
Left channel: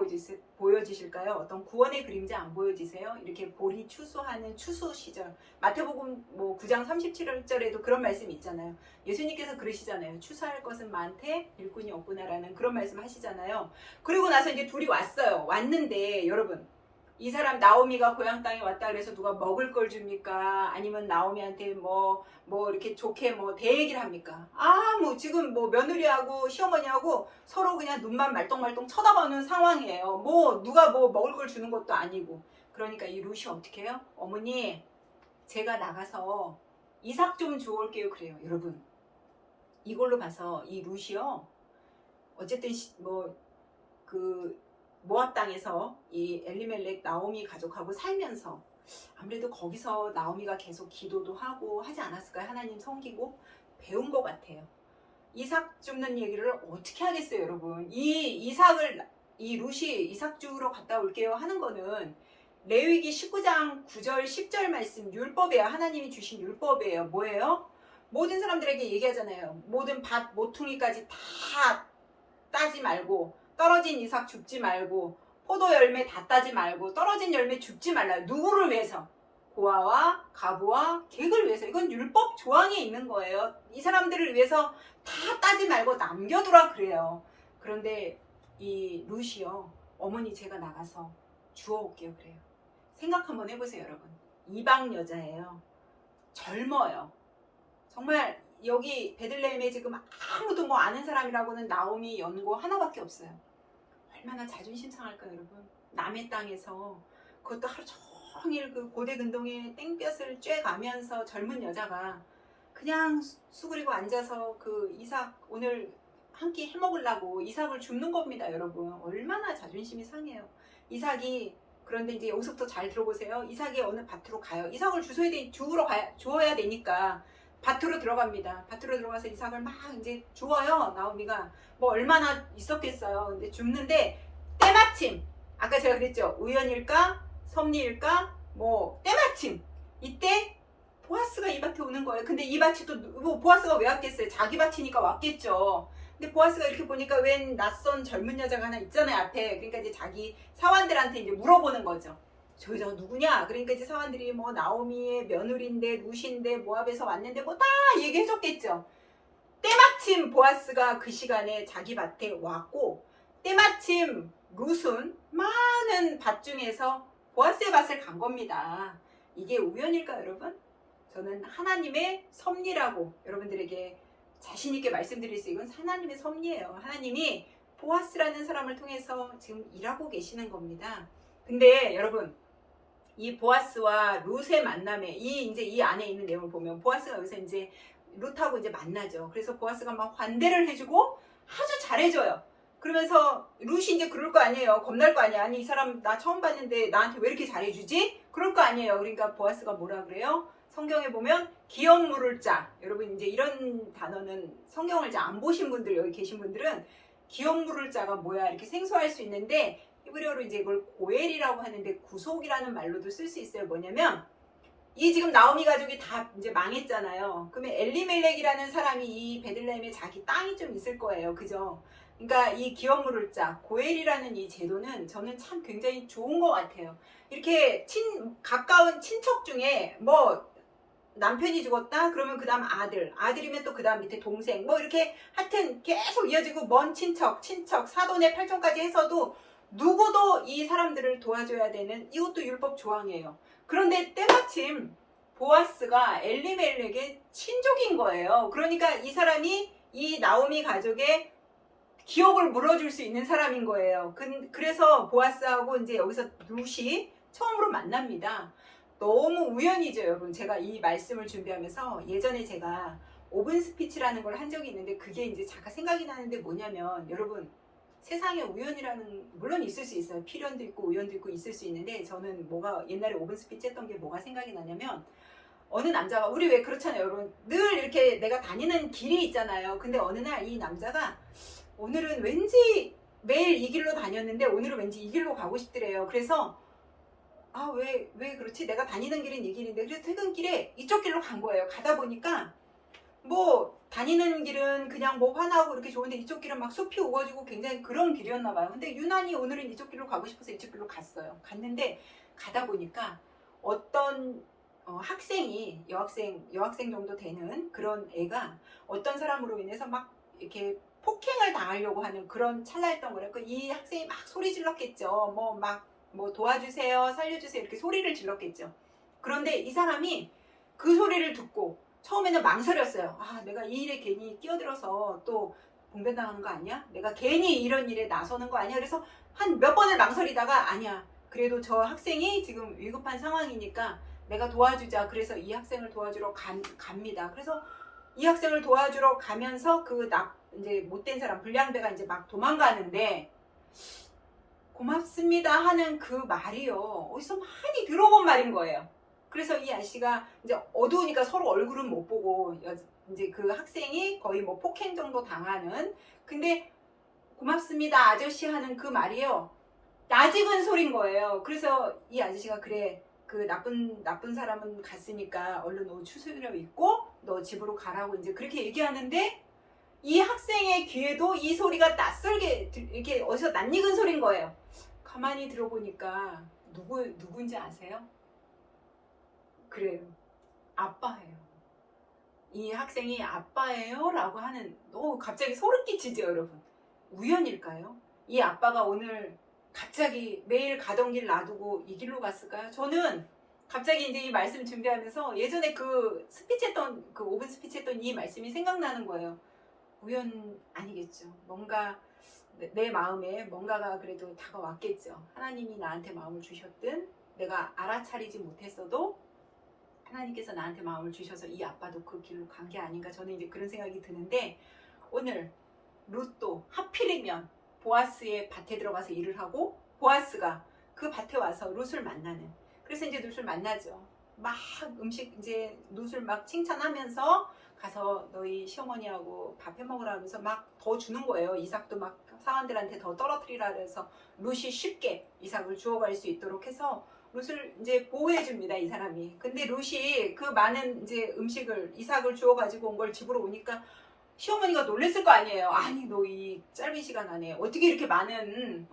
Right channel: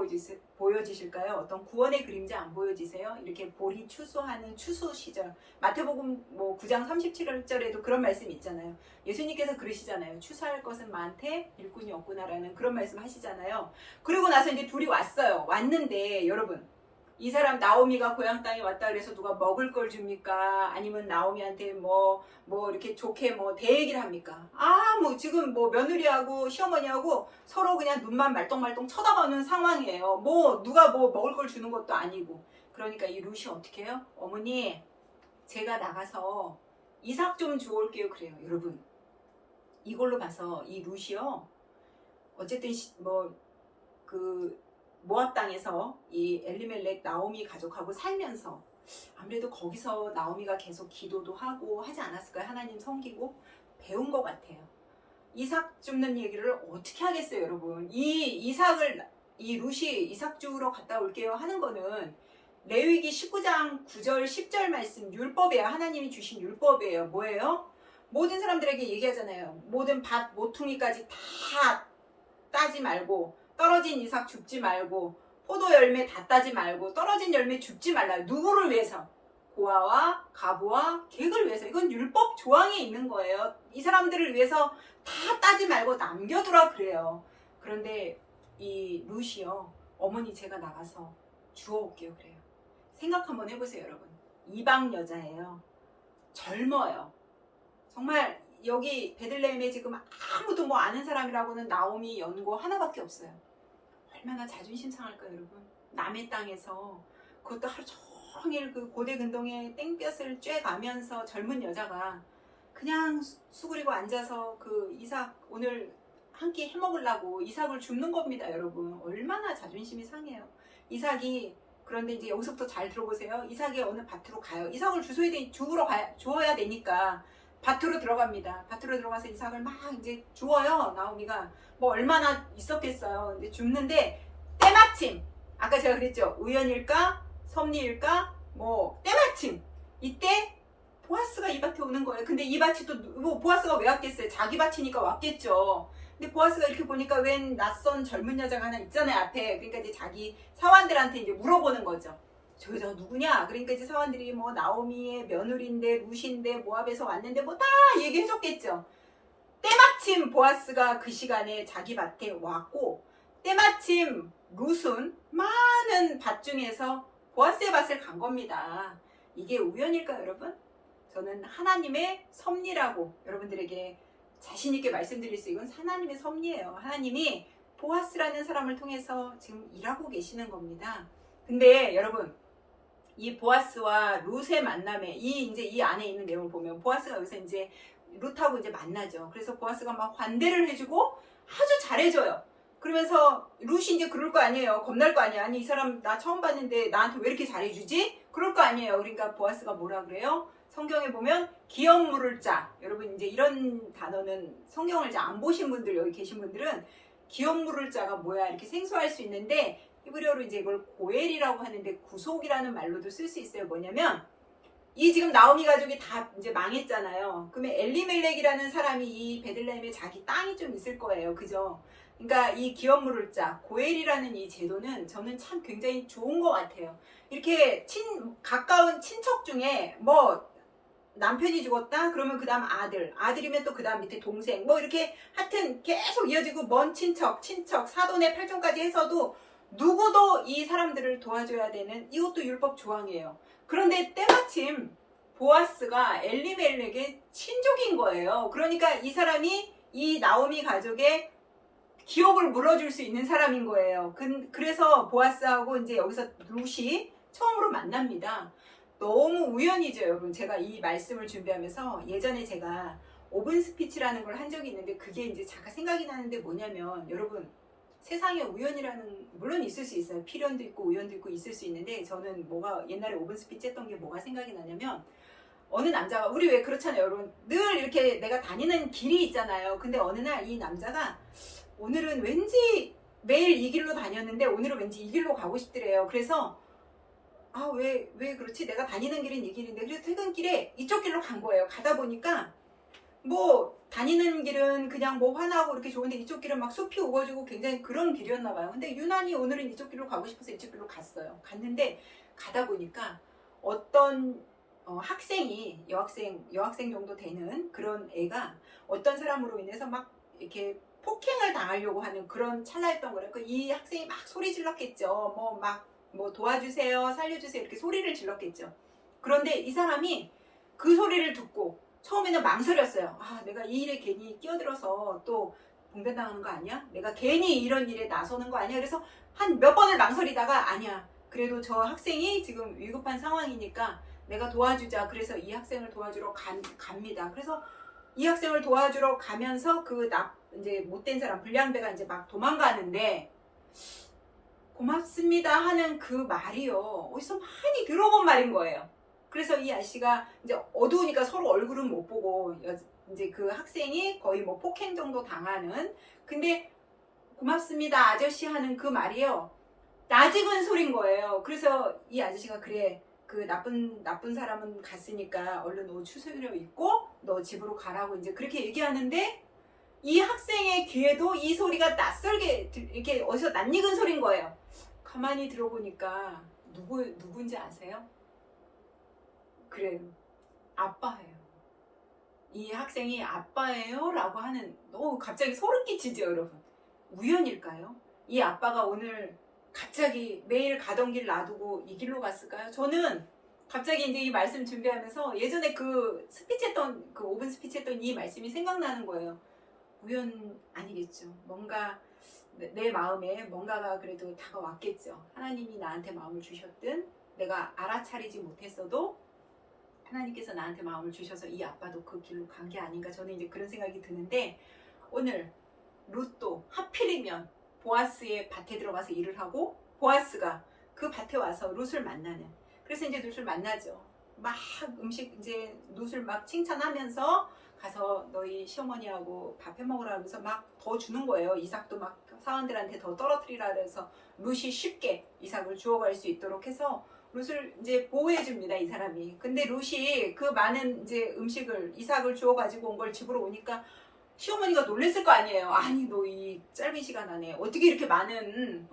보여지실까요? 어떤 구원의 그림자 안 보여지세요? 이렇게 볼이 추수하는 추수 시절. 마태복음 뭐 9장 37절에도 그런 말씀 있잖아요. 예수님께서 그러시잖아요. 추수할 것은 많되 일꾼이 없구나라는 그런 말씀 하시잖아요. 그리고 나서 이제 둘이 왔어요. 왔는데 여러분 이 사람 나오미가 고향 땅에 왔다 그래서 누가 먹을 걸 줍니까? 아니면 나오미한테 뭐 이렇게 좋게 뭐 대얘기를 합니까? 뭐 지금 뭐 며느리하고 시어머니하고 서로 그냥 눈만 말똥말똥 쳐다보는 상황이에요. 뭐 누가 뭐 먹을 걸 주는 것도 아니고. 그러니까 이 룻이 어떻게 해요? 어머니 제가 나가서 이삭 좀 주워올게요. 그래요. 여러분 이걸로 봐서 이 룻이요 어쨌든 모압 땅에서 이 엘리멜렉 나오미 가족하고 살면서 아무래도 거기서 나오미가 계속 기도도 하고 하지 않았을까요? 하나님 섬기고 배운 것 같아요. 이삭 줍는 얘기를 어떻게 하겠어요, 여러분? 이 룻이 이삭 주우러 갔다 올게요 하는 거는 레위기 19장 9절 10절 말씀 율법이에요. 하나님이 주신 율법이에요. 뭐예요? 모든 사람들에게 얘기하잖아요. 모든 밭 모퉁이까지 다 따지 말고 떨어진 이삭 줍지 말고 포도 열매 다 따지 말고 떨어진 열매 줍지 말라. 누구를 위해서? 고아와 가부와 객을 위해서. 이건 율법 조항에 있는 거예요. 이 사람들을 위해서 다 따지 말고 남겨두라 그래요. 그런데 이 룻이요. 어머니 제가 나가서 주워올게요 그래요. 생각 한번 해보세요 여러분. 이방 여자예요. 젊어요. 정말 여기 베들레헴에 지금 아무도 뭐 아는 사람이라고는 나오미 연고 하나밖에 없어요. 얼마나 자존심 상할까요 여러분. 남의 땅에서 그것도 하루 종일 그 고대 근동에 땡볕을 쬐가면서 젊은 여자가 그냥 수그리고 앉아서 그 이삭 오늘 한 끼 해먹으려고 이삭을 줍는 겁니다 여러분. 얼마나 자존심이 상해요. 이삭이 그런데 이제 여기서부터 잘 들어보세요. 이삭이 어느 밭으로 가요. 이삭을 주워야 되니까 밭으로 들어갑니다. 밭으로 들어가서 이삭을 막 이제 주워요. 나오미가 뭐 얼마나 있었겠어요. 근데 줍는데 때마침 아까 제가 그랬죠. 우연일까 섭리일까 뭐 때마침 이때 보아스가 이 밭에 오는 거예요. 근데 이 밭이 또 뭐 보아스가 왜 왔겠어요? 자기 밭이니까 왔겠죠. 근데 보아스가 이렇게 보니까 웬 낯선 젊은 여자가 하나 있잖아요 앞에. 그러니까 이제 자기 사환들한테 이제 물어보는 거죠. 저 여자가 누구냐? 그러니까 이제 사환들이 뭐 나오미의 며느리인데 룻인데 모압에서 왔는데 뭐 다 얘기해줬겠죠. 때마침 보아스가 그 시간에 자기 밭에 왔고 때마침 룻은 많은 밭 중에서 보아스의 밭을 간 겁니다. 이게 우연일까요 여러분? 저는 하나님의 섭리라고 여러분들에게 자신있게 말씀드릴 수 있는 하나님의 섭리예요. 하나님이 보아스라는 사람을 통해서 지금 일하고 계시는 겁니다. 근데 여러분 이 보아스와 룻의 만남에 이 안에 있는 내용을 보면 보아스가 여기서 이제 룻하고 이제 만나죠. 그래서 보아스가 막 환대를 해주고 아주 잘해줘요. 그러면서 룻이 이제 그럴 거 아니에요. 겁날 거 아니야. 아니 이 사람 나 처음 봤는데 나한테 왜 이렇게 잘해주지? 그럴 거 아니에요. 그러니까 보아스가 뭐라 그래요? 성경에 보면 기업 물을 자, 여러분 이제 이런 단어는 성경을 이제 안 보신 분들 여기 계신 분들은 기업 물을 자가 뭐야 이렇게 생소할 수 있는데 히브리어로 이제 이걸 고엘이라고 하는데 구속이라는 말로도 쓸 수 있어요. 뭐냐면 이 지금 나오미 가족이 다 이제 망했잖아요. 그러면 엘리멜렉이라는 사람이 이 베들레헴에 자기 땅이 좀 있을 거예요. 그죠? 그러니까 이 기업 물을 자 고엘이라는 이 제도는 저는 참 굉장히 좋은 것 같아요. 이렇게 가까운 친척 중에 뭐 남편이 죽었다 그러면 그 다음 아들이면 또 그 다음 밑에 동생 뭐 이렇게 하여튼 계속 이어지고 먼 친척 사돈의 팔촌까지 해서도 누구도 이 사람들을 도와줘야 되는 이것도 율법 조항이에요. 그런데 때마침 보아스가 엘리멜렉의 친족인 거예요. 그러니까 이 사람이 이 나오미 가족의 기업을 물어줄 수 있는 사람인 거예요. 그래서 보아스하고 이제 여기서 룻이 처음으로 만납니다. 너무 우연이죠, 여러분. 제가 이 말씀을 준비하면서 예전에 제가 오븐 스피치라는 걸 한 적이 있는데 그게 이제 잠깐 생각이 나는데 뭐냐면 여러분 세상에 우연이라는 물론 있을 수 있어요. 필연도 있고 우연도 있고 있을 수 있는데 저는 뭐가 옛날에 오븐 스피치 했던 게 뭐가 생각이 나냐면 어느 남자가 우리 왜 그렇잖아요, 여러분. 늘 이렇게 내가 다니는 길이 있잖아요. 근데 어느 날 이 남자가 오늘은 왠지 매일 이 길로 다녔는데 오늘은 왠지 이 길로 가고 싶더래요. 그래서 왜 그렇지? 내가 다니는 길은 이 길인데 그래서 퇴근길에 이쪽 길로 간 거예요. 가다 보니까 뭐 다니는 길은 그냥 뭐 환하고 이렇게 좋은데 이쪽 길은 막 숲이 우거지고 굉장히 그런 길이었나 봐요. 근데 유난히 오늘은 이쪽 길로 가고 싶어서 이쪽 길로 갔어요. 갔는데 가다 보니까 어떤 학생이 여학생 정도 되는 그런 애가 어떤 사람으로 인해서 막 이렇게 폭행을 당하려고 하는 그런 찰나였던 거예요. 이 학생이 막 소리 질렀겠죠. 뭐 도와주세요, 살려주세요 이렇게 소리를 질렀겠죠. 그런데 이 사람이 그 소리를 듣고 처음에는 망설였어요. 내가 이 일에 괜히 끼어들어서 또 봉변당하는 거 아니야? 내가 괜히 이런 일에 나서는 거 아니야? 그래서 한 몇 번을 망설이다가 아니야. 그래도 저 학생이 지금 위급한 상황이니까 내가 도와주자. 그래서 이 학생을 도와주러 갑니다. 그래서 이 학생을 도와주러 가면서 이제 못된 사람 불량배가 이제 막 도망가는데 고맙습니다 하는 그 말이요. 어디서 많이 들어본 말인 거예요. 그래서 이 아저씨가 이제 어두우니까 서로 얼굴은 못 보고 이제 그 학생이 거의 뭐 폭행 정도 당하는 근데 고맙습니다 아저씨 하는 그 말이요. 낯익은 소린 거예요. 그래서 이 아저씨가 그래 그 나쁜 사람은 갔으니까 얼른 옷 추스려 입고 너 집으로 가라고 이제 그렇게 얘기하는데 이 학생의 귀에도 이 소리가 낯설게 이렇게 어디서 낯익은 소린 거예요. 가만히 들어보니까 누구인지 아세요? 그래요. 아빠예요. 이 학생이 아빠예요? 라고 하는 갑자기 소름 끼치죠, 여러분. 우연일까요? 이 아빠가 오늘 갑자기 매일 가던 길 놔두고 이 길로 갔을까요? 저는 갑자기 이제 이 말씀 준비하면서 예전에 그 오븐 스피치 했던 이 말씀이 생각나는 거예요. 우연 아니겠죠. 뭔가 내 마음에 뭔가가 그래도 다가왔겠죠. 하나님이 나한테 마음을 주셨든 내가 알아차리지 못했어도 하나님께서 나한테 마음을 주셔서 이 아빠도 그 길로 간 게 아닌가 저는 이제 그런 생각이 드는데 오늘 룻도 하필이면 보아스의 밭에 들어가서 일을 하고 보아스가 그 밭에 와서 룻을 만나는 그래서 이제 룻을 만나죠. 막 음식 이제 룻을 막 칭찬하면서 가서 너희 시어머니하고 밥 해먹으라 하면서 막 더 주는 거예요. 이삭도 막 사원들한테 더 떨어뜨리라 그래서 룻이 쉽게 이삭을 주워갈 수 있도록 해서 룻을 이제 보호해 줍니다. 이 사람이. 근데 룻이 그 많은 이제 이삭을 주워 가지고 온 걸 집으로 오니까 시어머니가 놀랬을 거 아니에요. 아니 너 이 짧은 시간 안에 어떻게 이렇게 많은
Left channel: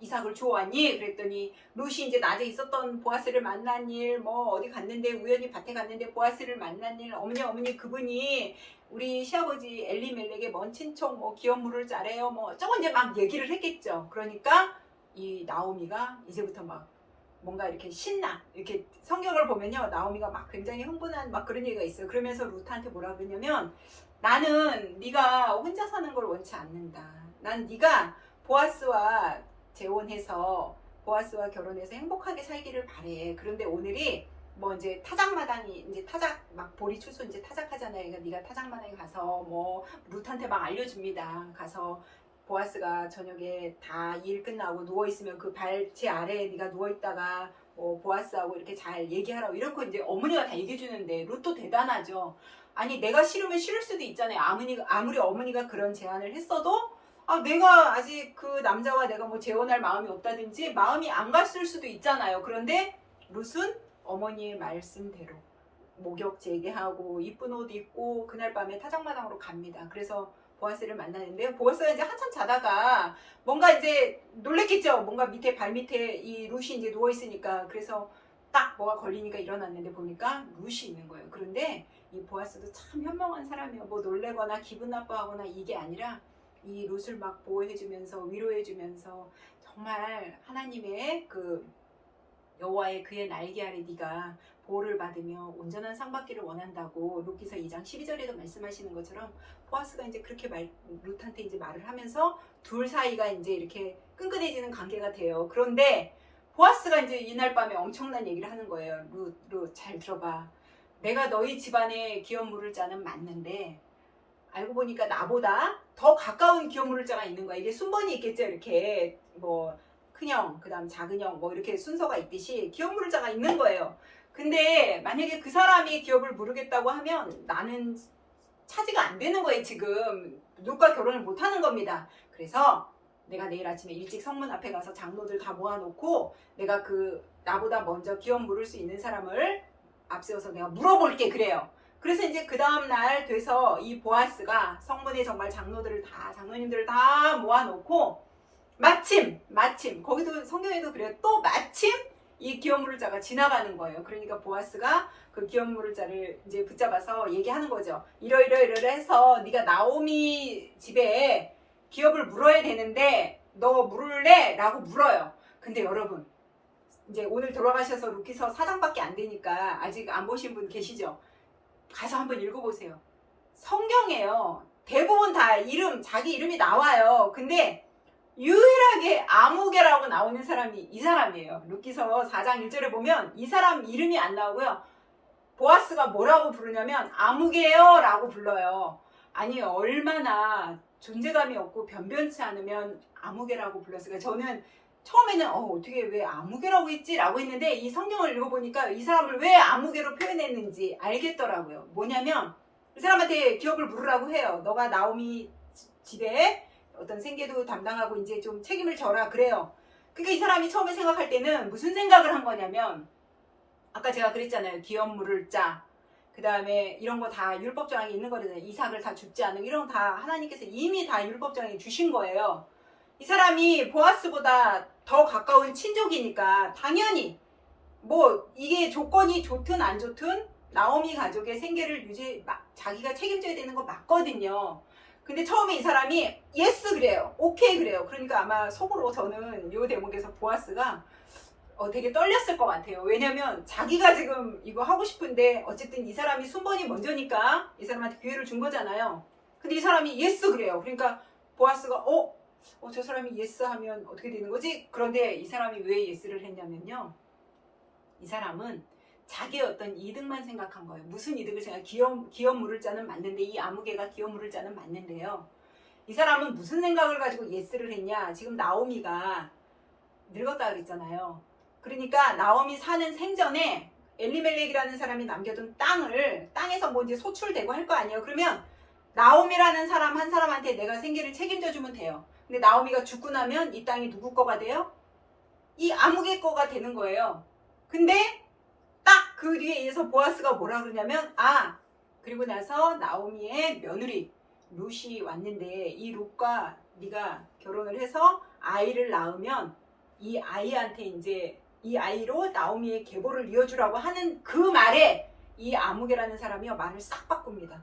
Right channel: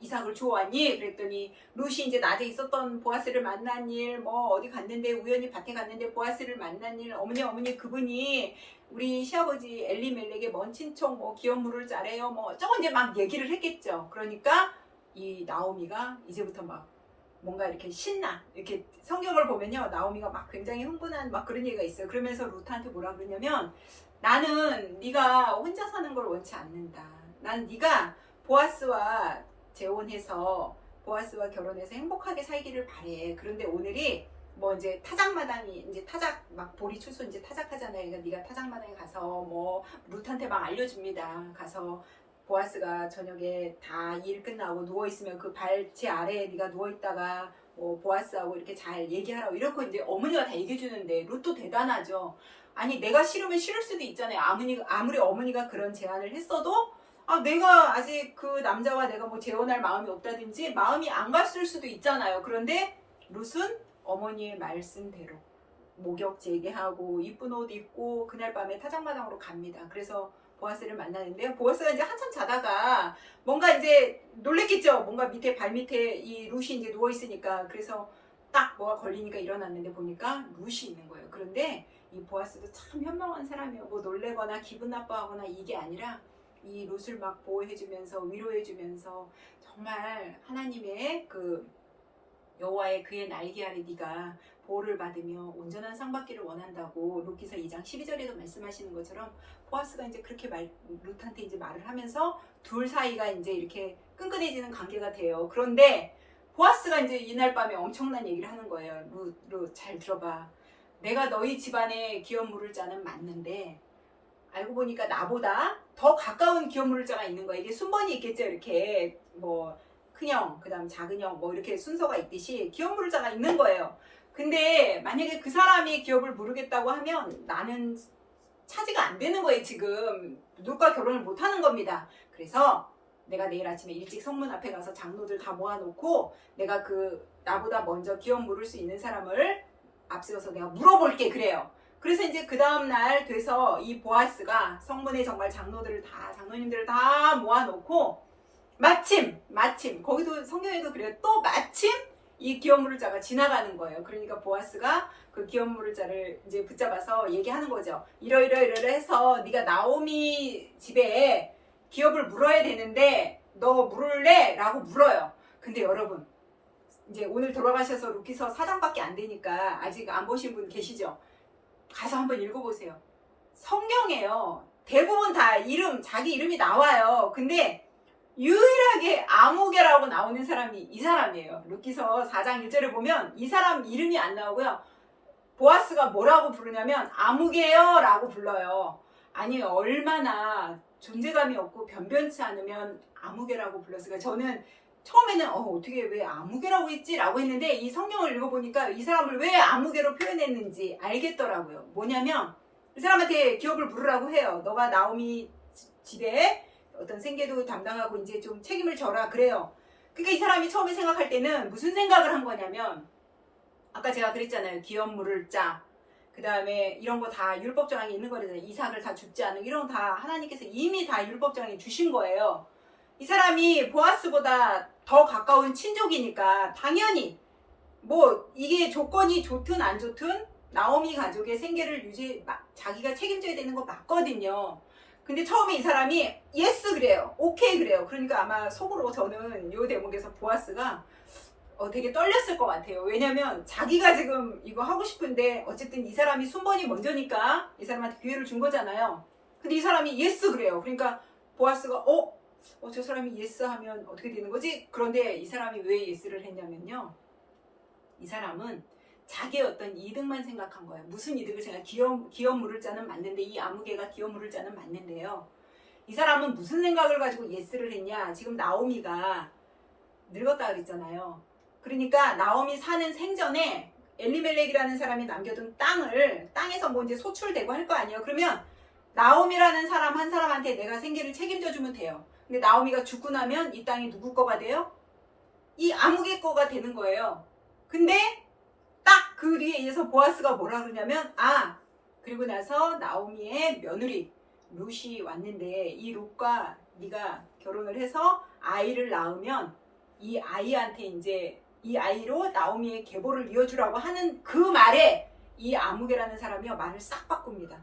이삭을 주워왔니? 그랬더니 룻이 이제 낮에 있었던 보아스를 만난 일, 뭐 어디 갔는데 우연히 밭에 갔는데 보아스를 만난 일, 어머니 그분이 우리 시아버지 엘리멜렉의 먼 친척 뭐 기업 물을 자래요. 뭐 저거 이제 막 얘기를 했겠죠. 그러니까 이 나오미가 이제부터 막 뭔가 이렇게 신나 이렇게 성경을 보면요 나오미가 막 굉장히 흥분한 막 그런 얘기가 있어요. 그러면서 룻한테 뭐라 그러냐면 나는 네가 혼자 사는 걸 원치 않는다. 난 네가 보아스와 재혼해서 보아스와 결혼해서 행복하게 살기를 바래. 그런데 오늘이 뭐 이제 타작마당이 이제 막 보리 추수 이제 타작하잖아요. 그러니까 네가 타작마당에 가서 뭐 룻한테 막 알려줍니다. 가서 보아스가 저녁에 다 일 끝나고 누워있으면 그 발치 아래에 네가 누워있다가 뭐 보아스하고 이렇게 잘 얘기하라고 이렇게 이제 어머니가 다 얘기해 주는데 룻도 대단하죠. 아니 내가 싫으면 싫을 수도 있잖아요. 아무리 어머니가 그런 제안을 했어도 내가 아직 그 남자와 내가 뭐 재혼할 마음이 없다든지 마음이 안 갔을 수도 있잖아요. 그런데 룻은 어머니의 말씀대로 목욕 재개하고 이쁜 옷 입고 그날 밤에 타작마당으로 갑니다. 그래서 보아스를 만나는데요. 보아스가 이제 한참 자다가 뭔가 이제 놀랬겠죠. 뭔가 발 밑에 이 룻이 이제 누워 있으니까. 그래서 딱 뭐가 걸리니까 일어났는데 보니까 룻이 있는 거예요. 그런데 이 보아스도 참 현명한 사람이에요. 뭐 놀래거나 기분 나빠하거나 이게 아니라 이 룻을 막 보호해주면서 위로해주면서 정말 하나님의 그 여호와의 그의 날개 아래 네가 보호를 받으며 온전한 상 받기를 원한다고 룻기서 2장 12절에도 말씀하시는 것처럼 보아스가 이제 그렇게 룻한테 이제 말을 하면서 둘 사이가 이제 이렇게 끈끈해지는 관계가 돼요. 그런데 보아스가 이제 이날 밤에 엄청난 얘기를 하는 거예요. 룻 잘 들어봐. 내가 너희 집안에 기업 물을 자는 맞는데 알고 보니까 나보다 더 가까운 기업 물을 자가 있는 거야. 이게 순번이 있겠죠. 이렇게 뭐 큰형, 그 다음 작은형 뭐 이렇게 순서가 있듯이 기업 물을 자가 있는 거예요. 근데 만약에 그 사람이 기업을 물으겠다고 하면 나는 차지가 안 되는 거예요. 지금 누가 결혼을 못 하는 겁니다. 그래서 내가 내일 아침에 일찍 성문 앞에 가서 장로들 다 모아놓고 내가 그 나보다 먼저 기업 물을 수 있는 사람을 앞세워서 내가 물어볼게 그래요. 그래서 이제 그 다음날 돼서 이 보아스가 성문에 정말 장로님들을 다 모아놓고 마침 거기도 성경에도 그래요. 또 마침 이 기업 물을 자가 지나가는 거예요. 그러니까 보아스가 그 기업 물을 자를 이제 붙잡아서 얘기하는 거죠. 이러해서 네가 나오미 집에 기업을 물어야 되는데 너 물을래? 라고 물어요. 근데 여러분 이제 오늘 돌아가셔서 룻기서 4장밖에 안 되니까 아직 안 보신 분 계시죠? 가서 한번 읽어보세요. 성경에요. 대부분 다 자기 이름이 나와요. 근데 유일하게 아무개라고 나오는 사람이 이 사람이에요. 룻기서 4장 1절에 보면 이 사람 이름이 안 나오고요. 보아스가 뭐라고 부르냐면 아무개요 라고 불러요. 아니 얼마나 존재감이 없고 변변치 않으면 아무개라고 불렀을까요? 저는 처음에는 어떻게 왜 아무개라고 했지? 라고 했는데 이 성경을 읽어보니까 이 사람을 왜 아무개로 표현했는지 알겠더라고요. 뭐냐면 이 사람한테 기업을 물으라고 해요. 너가 나오미 집에 어떤 생계도 담당하고 이제 좀 책임을 져라 그래요. 그러니까 이 사람이 처음에 생각할 때는 무슨 생각을 한 거냐면 아까 제가 그랬잖아요. 기업 물을 자. 그 다음에 이런 거 다 율법정에 있는 거잖아요. 이삭을 다 죽지 않는 이런 거 다 하나님께서 이미 다 율법정에 주신 거예요. 이 사람이 보아스보다 더 가까운 친족이니까 당연히 뭐 이게 조건이 좋든 안 좋든 나오미 가족의 생계를 자기가 책임져야 되는 거 맞거든요. 근데 처음에 이 사람이 예스 그래요. 오케이 그래요. 그러니까 아마 속으로 저는 이 대목에서 보아스가 되게 떨렸을 것 같아요. 왜냐면 자기가 지금 이거 하고 싶은데 어쨌든 이 사람이 순번이 먼저니까 이 사람한테 기회를 준 거잖아요. 근데 이 사람이 예스 그래요. 그러니까 보아스가 저 사람이 예스 하면 어떻게 되는 거지? 그런데 이 사람이 왜 예스를 했냐면요. 이 사람은 자기의 어떤 이득만 생각한 거예요. 무슨 이득을 기업 물을 자는 맞는데 이 아무개가 기업 물을 자는 맞는데요. 이 사람은 무슨 생각을 가지고 예스를 했냐? 지금 나오미가 늙었다 그랬잖아요. 그러니까 나오미 사는 생전에 엘리멜렉이라는 사람이 남겨둔 땅에서 뭐 이제 소출되고 할 거 아니에요. 그러면 나오미라는 사람 한 사람한테 내가 생계를 책임져 주면 돼요. 근데 나오미가 죽고 나면 이 땅이 누구 거가 돼요? 이 아무개 거가 되는 거예요. 근데 딱 그 뒤에 이어서 보아스가 뭐라 그러냐면 그리고 나서 나오미의 며느리 룻이 왔는데 이 룻과 네가 결혼을 해서 아이를 낳으면 이 아이한테 이제 이 아이로 나오미의 계보를 이어주라고 하는 그 말에 이 아무개라는 사람이요 말을 싹 바꿉니다.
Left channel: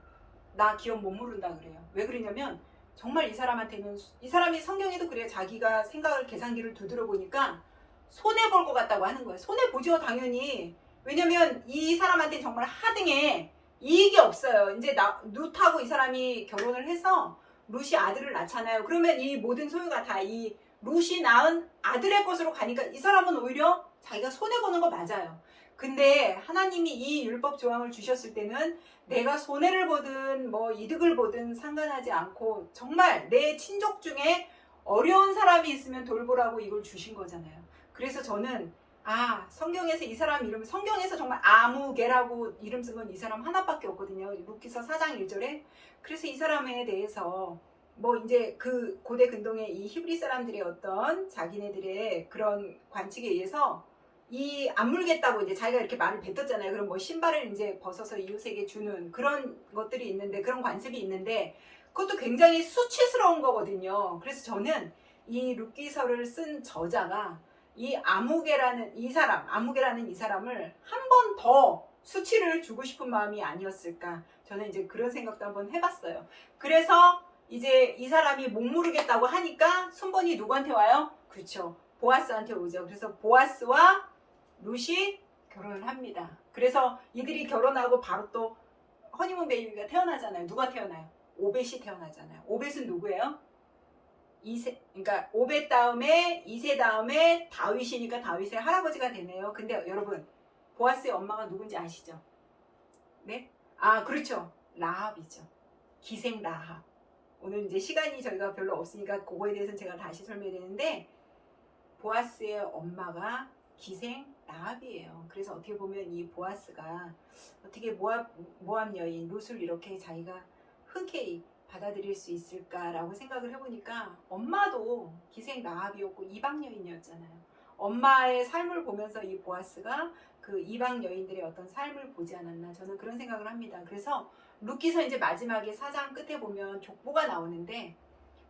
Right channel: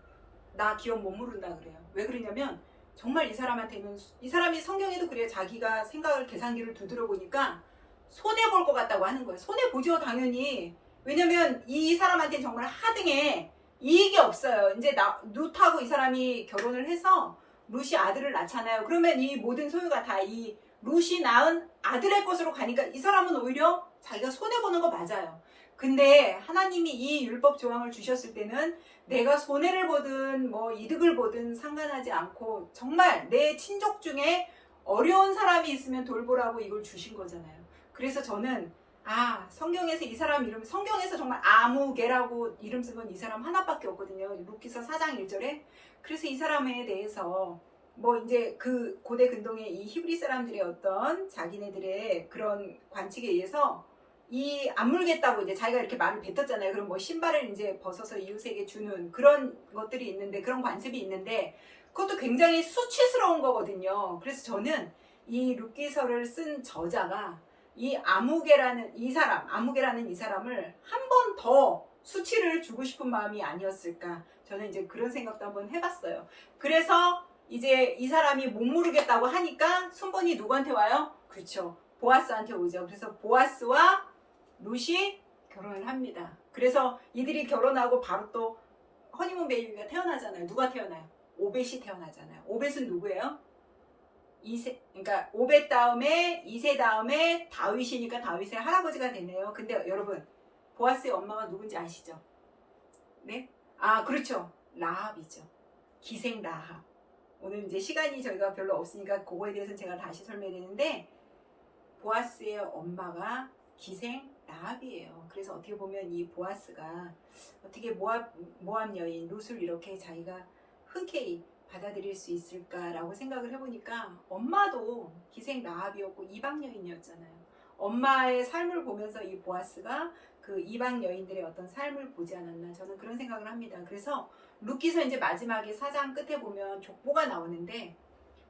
나 기업 못 물은다 그래요. 왜 그러냐면 정말 이 사람한테는 이 사람이 성경에도 그래요. 자기가 생각을 계산기를 두드려 보니까 손해볼 것 같다고 하는 거예요. 손해보죠 당연히. 왜냐면 이 사람한테는 정말 하등에 이익이 없어요. 이제 룻하고 이 사람이 결혼을 해서 룻이 아들을 낳잖아요. 그러면 이 모든 소유가 다 이 룻이 낳은 아들의 것으로 가니까 이 사람은 오히려 자기가 손해보는 거 맞아요. 근데 하나님이 이 율법 조항을 주셨을 때는 내가 손해를 보든 뭐 이득을 보든 상관하지 않고 정말 내 친족 중에 어려운 사람이 있으면 돌보라고 이걸 주신 거잖아요. 그래서 저는 아, 성경에서 이 사람 이름, 성경에서 정말 아무개라고 이름 쓴 건 이 사람 하나밖에 없거든요. 루키서 4장 1절에. 그래서 이 사람에 대해서 뭐 이제 그 고대 근동의 이 히브리 사람들의 어떤 자기네들의 그런 관측에 의해서 이 안 물겠다고 이제 자기가 이렇게 말을 뱉었잖아요. 그럼 뭐 신발을 이제 벗어서 이웃에게 주는 그런 것들이 있는데, 그런 관습이 있는데, 그것도 굉장히 수치스러운 거거든요. 그래서 저는 이 룻기서를 쓴 저자가 이 아무개라는 이 사람을 한 번 더 수치를 주고 싶은 마음이 아니었을까. 저는 이제 그런 생각도 한번 해봤어요. 그래서 이제 이 사람이 못 모르겠다고 하니까 순번이 누구한테 와요? 그렇죠. 보아스한테 오죠. 그래서 보아스와 룻이 결혼을 합니다. 그래서 이들이 결혼하고 바로 또 허니문 베이비가 태어나잖아요. 누가 태어나요? 오벳이 태어나잖아요. 오벳은 누구예요? 그러니까 오벳 다음에 이세 다음에 다윗이니까 다윗의 할아버지가 되네요. 근데 여러분, 보아스의 엄마가 누군지 아시죠? 네? 아, 그렇죠. 라합이죠. 기생 라합. 오늘 이제 시간이 저희가 별로 없으니까 그거에 대해서는 제가 다시 설명드리는데, 보아스의 엄마가 기생 라합이에요. 그래서 어떻게 보면 이 보아스가 어떻게 모압 여인 룻을 이렇게 자기가 흔쾌히 받아들일 수 있을까라고 생각을 해보니까, 엄마도 기생 라합이었고 이방 여인이었잖아요. 엄마의 삶을 보면서 이 보아스가 그 이방 여인들의 어떤 삶을 보지 않았나, 저는 그런 생각을 합니다. 그래서 룻기서 이제 마지막에 4장 끝에 보면 족보가 나오는데,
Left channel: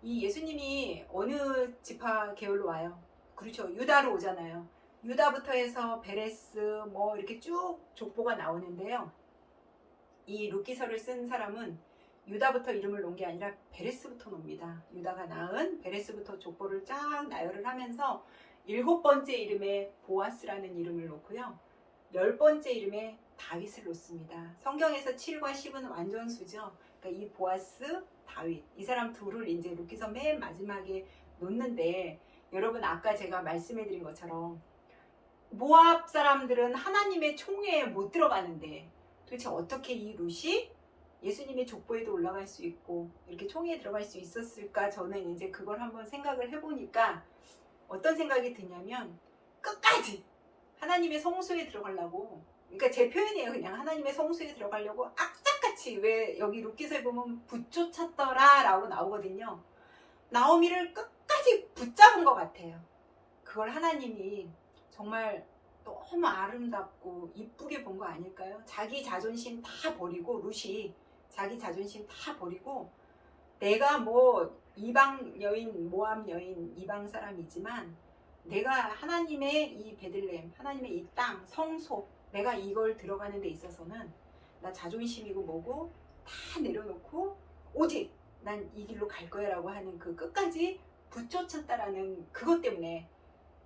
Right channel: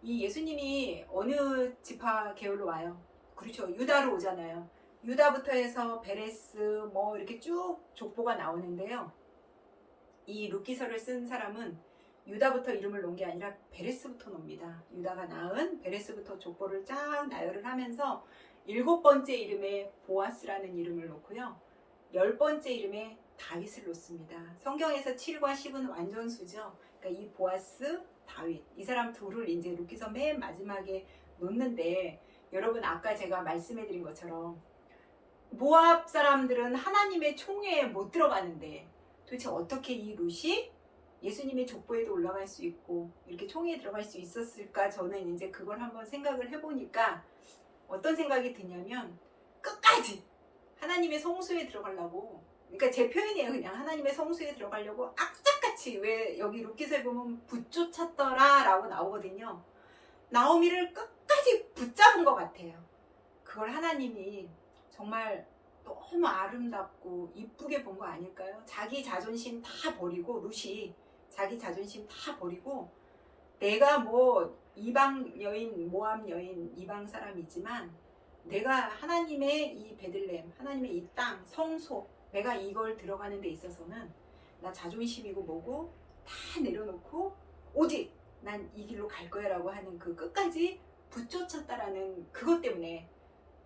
이 예수님이 어느 지파 계열로 와요? 그렇죠. 유다로 오잖아요. 유다부터 해서 베레스 뭐 이렇게 쭉 족보가 나오는데요. 이 룻기서를 쓴 사람은 유다부터 이름을 놓은 게 아니라 베레스부터 놉니다. 유다가 낳은 베레스부터 족보를 쫙 나열을 하면서 7번째 이름에 보아스라는 이름을 놓고요. 10번째 이름에 다윗을 놓습니다. 성경에서 7과 10은 완전수죠. 그러니까 이 보아스, 다윗, 이 사람 둘을 이제 룻기서 맨 마지막에 놓는데, 여러분 아까 제가 말씀해드린 것처럼 모압 사람들은 하나님의 총회에 못 들어가는데 도대체 어떻게 이 룻이 예수님의 족보에도 올라갈 수 있고 이렇게 총회에 들어갈 수 있었을까? 저는 이제 그걸 한번 생각을 해보니까 어떤 생각이 드냐면, 끝까지 하나님의 성소에 들어가려고, 그러니까 제 표현이에요. 그냥 하나님의 성소에 들어가려고 악착같이, 왜 여기 룻기서에 보면 붙쫓았더라 라고 나오거든요. 나오미를 끝까지 붙잡은 것 같아요. 그걸 하나님이 정말 너무 아름답고 이쁘게 본 거 아닐까요? 자기 자존심 다 버리고, 룻이 자기 자존심 다 버리고, 내가 뭐 이방 여인, 모압 여인, 이방 사람이지만 내가 하나님의 이 베들레헴, 하나님의 이 땅, 성소, 내가 이걸 들어가는 데 있어서는 나 자존심이고 뭐고 다 내려놓고 오직 난 이 길로 갈 거야 라고 하는 그 끝까지 붙여쳤다라는 그것 때문에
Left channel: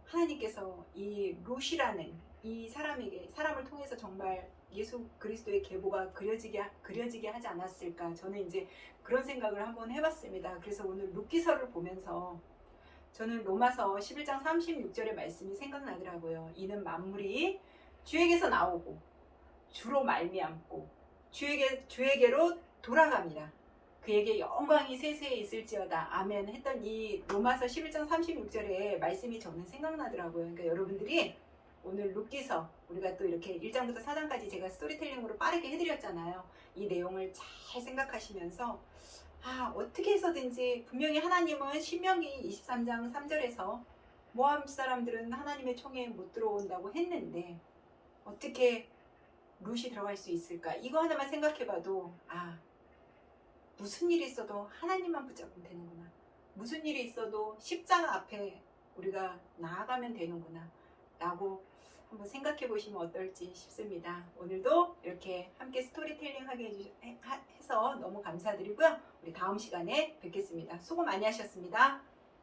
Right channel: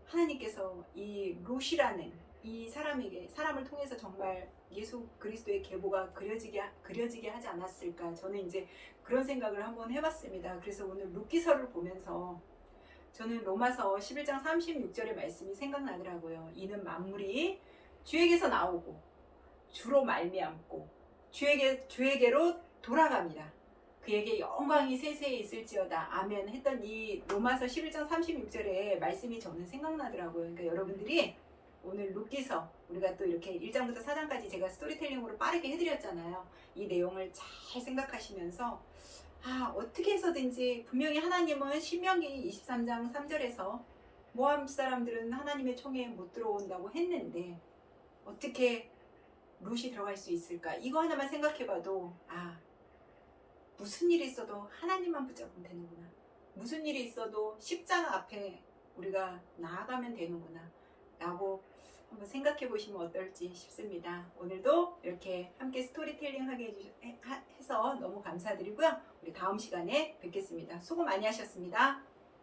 하나님께서 이 룻이라는 이 사람을 통해서 정말 예수 그리스도의 계보가 그려지게 하지 않았을까. 저는 이제 그런 생각을 한번 해봤습니다. 그래서 오늘 룻기서를 보면서 저는 로마서 11장 36절의 말씀이 생각나더라고요. 이는 만물이 주에게서 나오고 주로 말미암고 주에게로 돌아갑니다. 그에게 영광이 세세에 있을지어다. 아멘 했던 이 로마서 11장 36절의 말씀이 저는 생각나더라고요. 그러니까 여러분들이 오늘 룻기서, 우리가 또 이렇게 1장부터 4장까지 제가 스토리텔링으로 빠르게 해드렸잖아요. 이 내용을 잘 생각하시면서 어떻게 해서든지, 분명히 하나님은 신명기 23장 3절에서 모압 사람들은 하나님의 총회에 못 들어온다고 했는데 어떻게 룻이 들어갈 수 있을까? 이거 하나만 생각해봐도 무슨 일이 있어도 하나님만 붙잡으면 되는구나. 무슨 일이 있어도 십자가 앞에 우리가 나아가면 되는구나 라고 한번 생각해 보시면 어떨지 싶습니다. 오늘도 이렇게 함께 스토리텔링 하게 해서 너무 감사드리고요. 우리 다음 시간에 뵙겠습니다. 수고 많이 하셨습니다.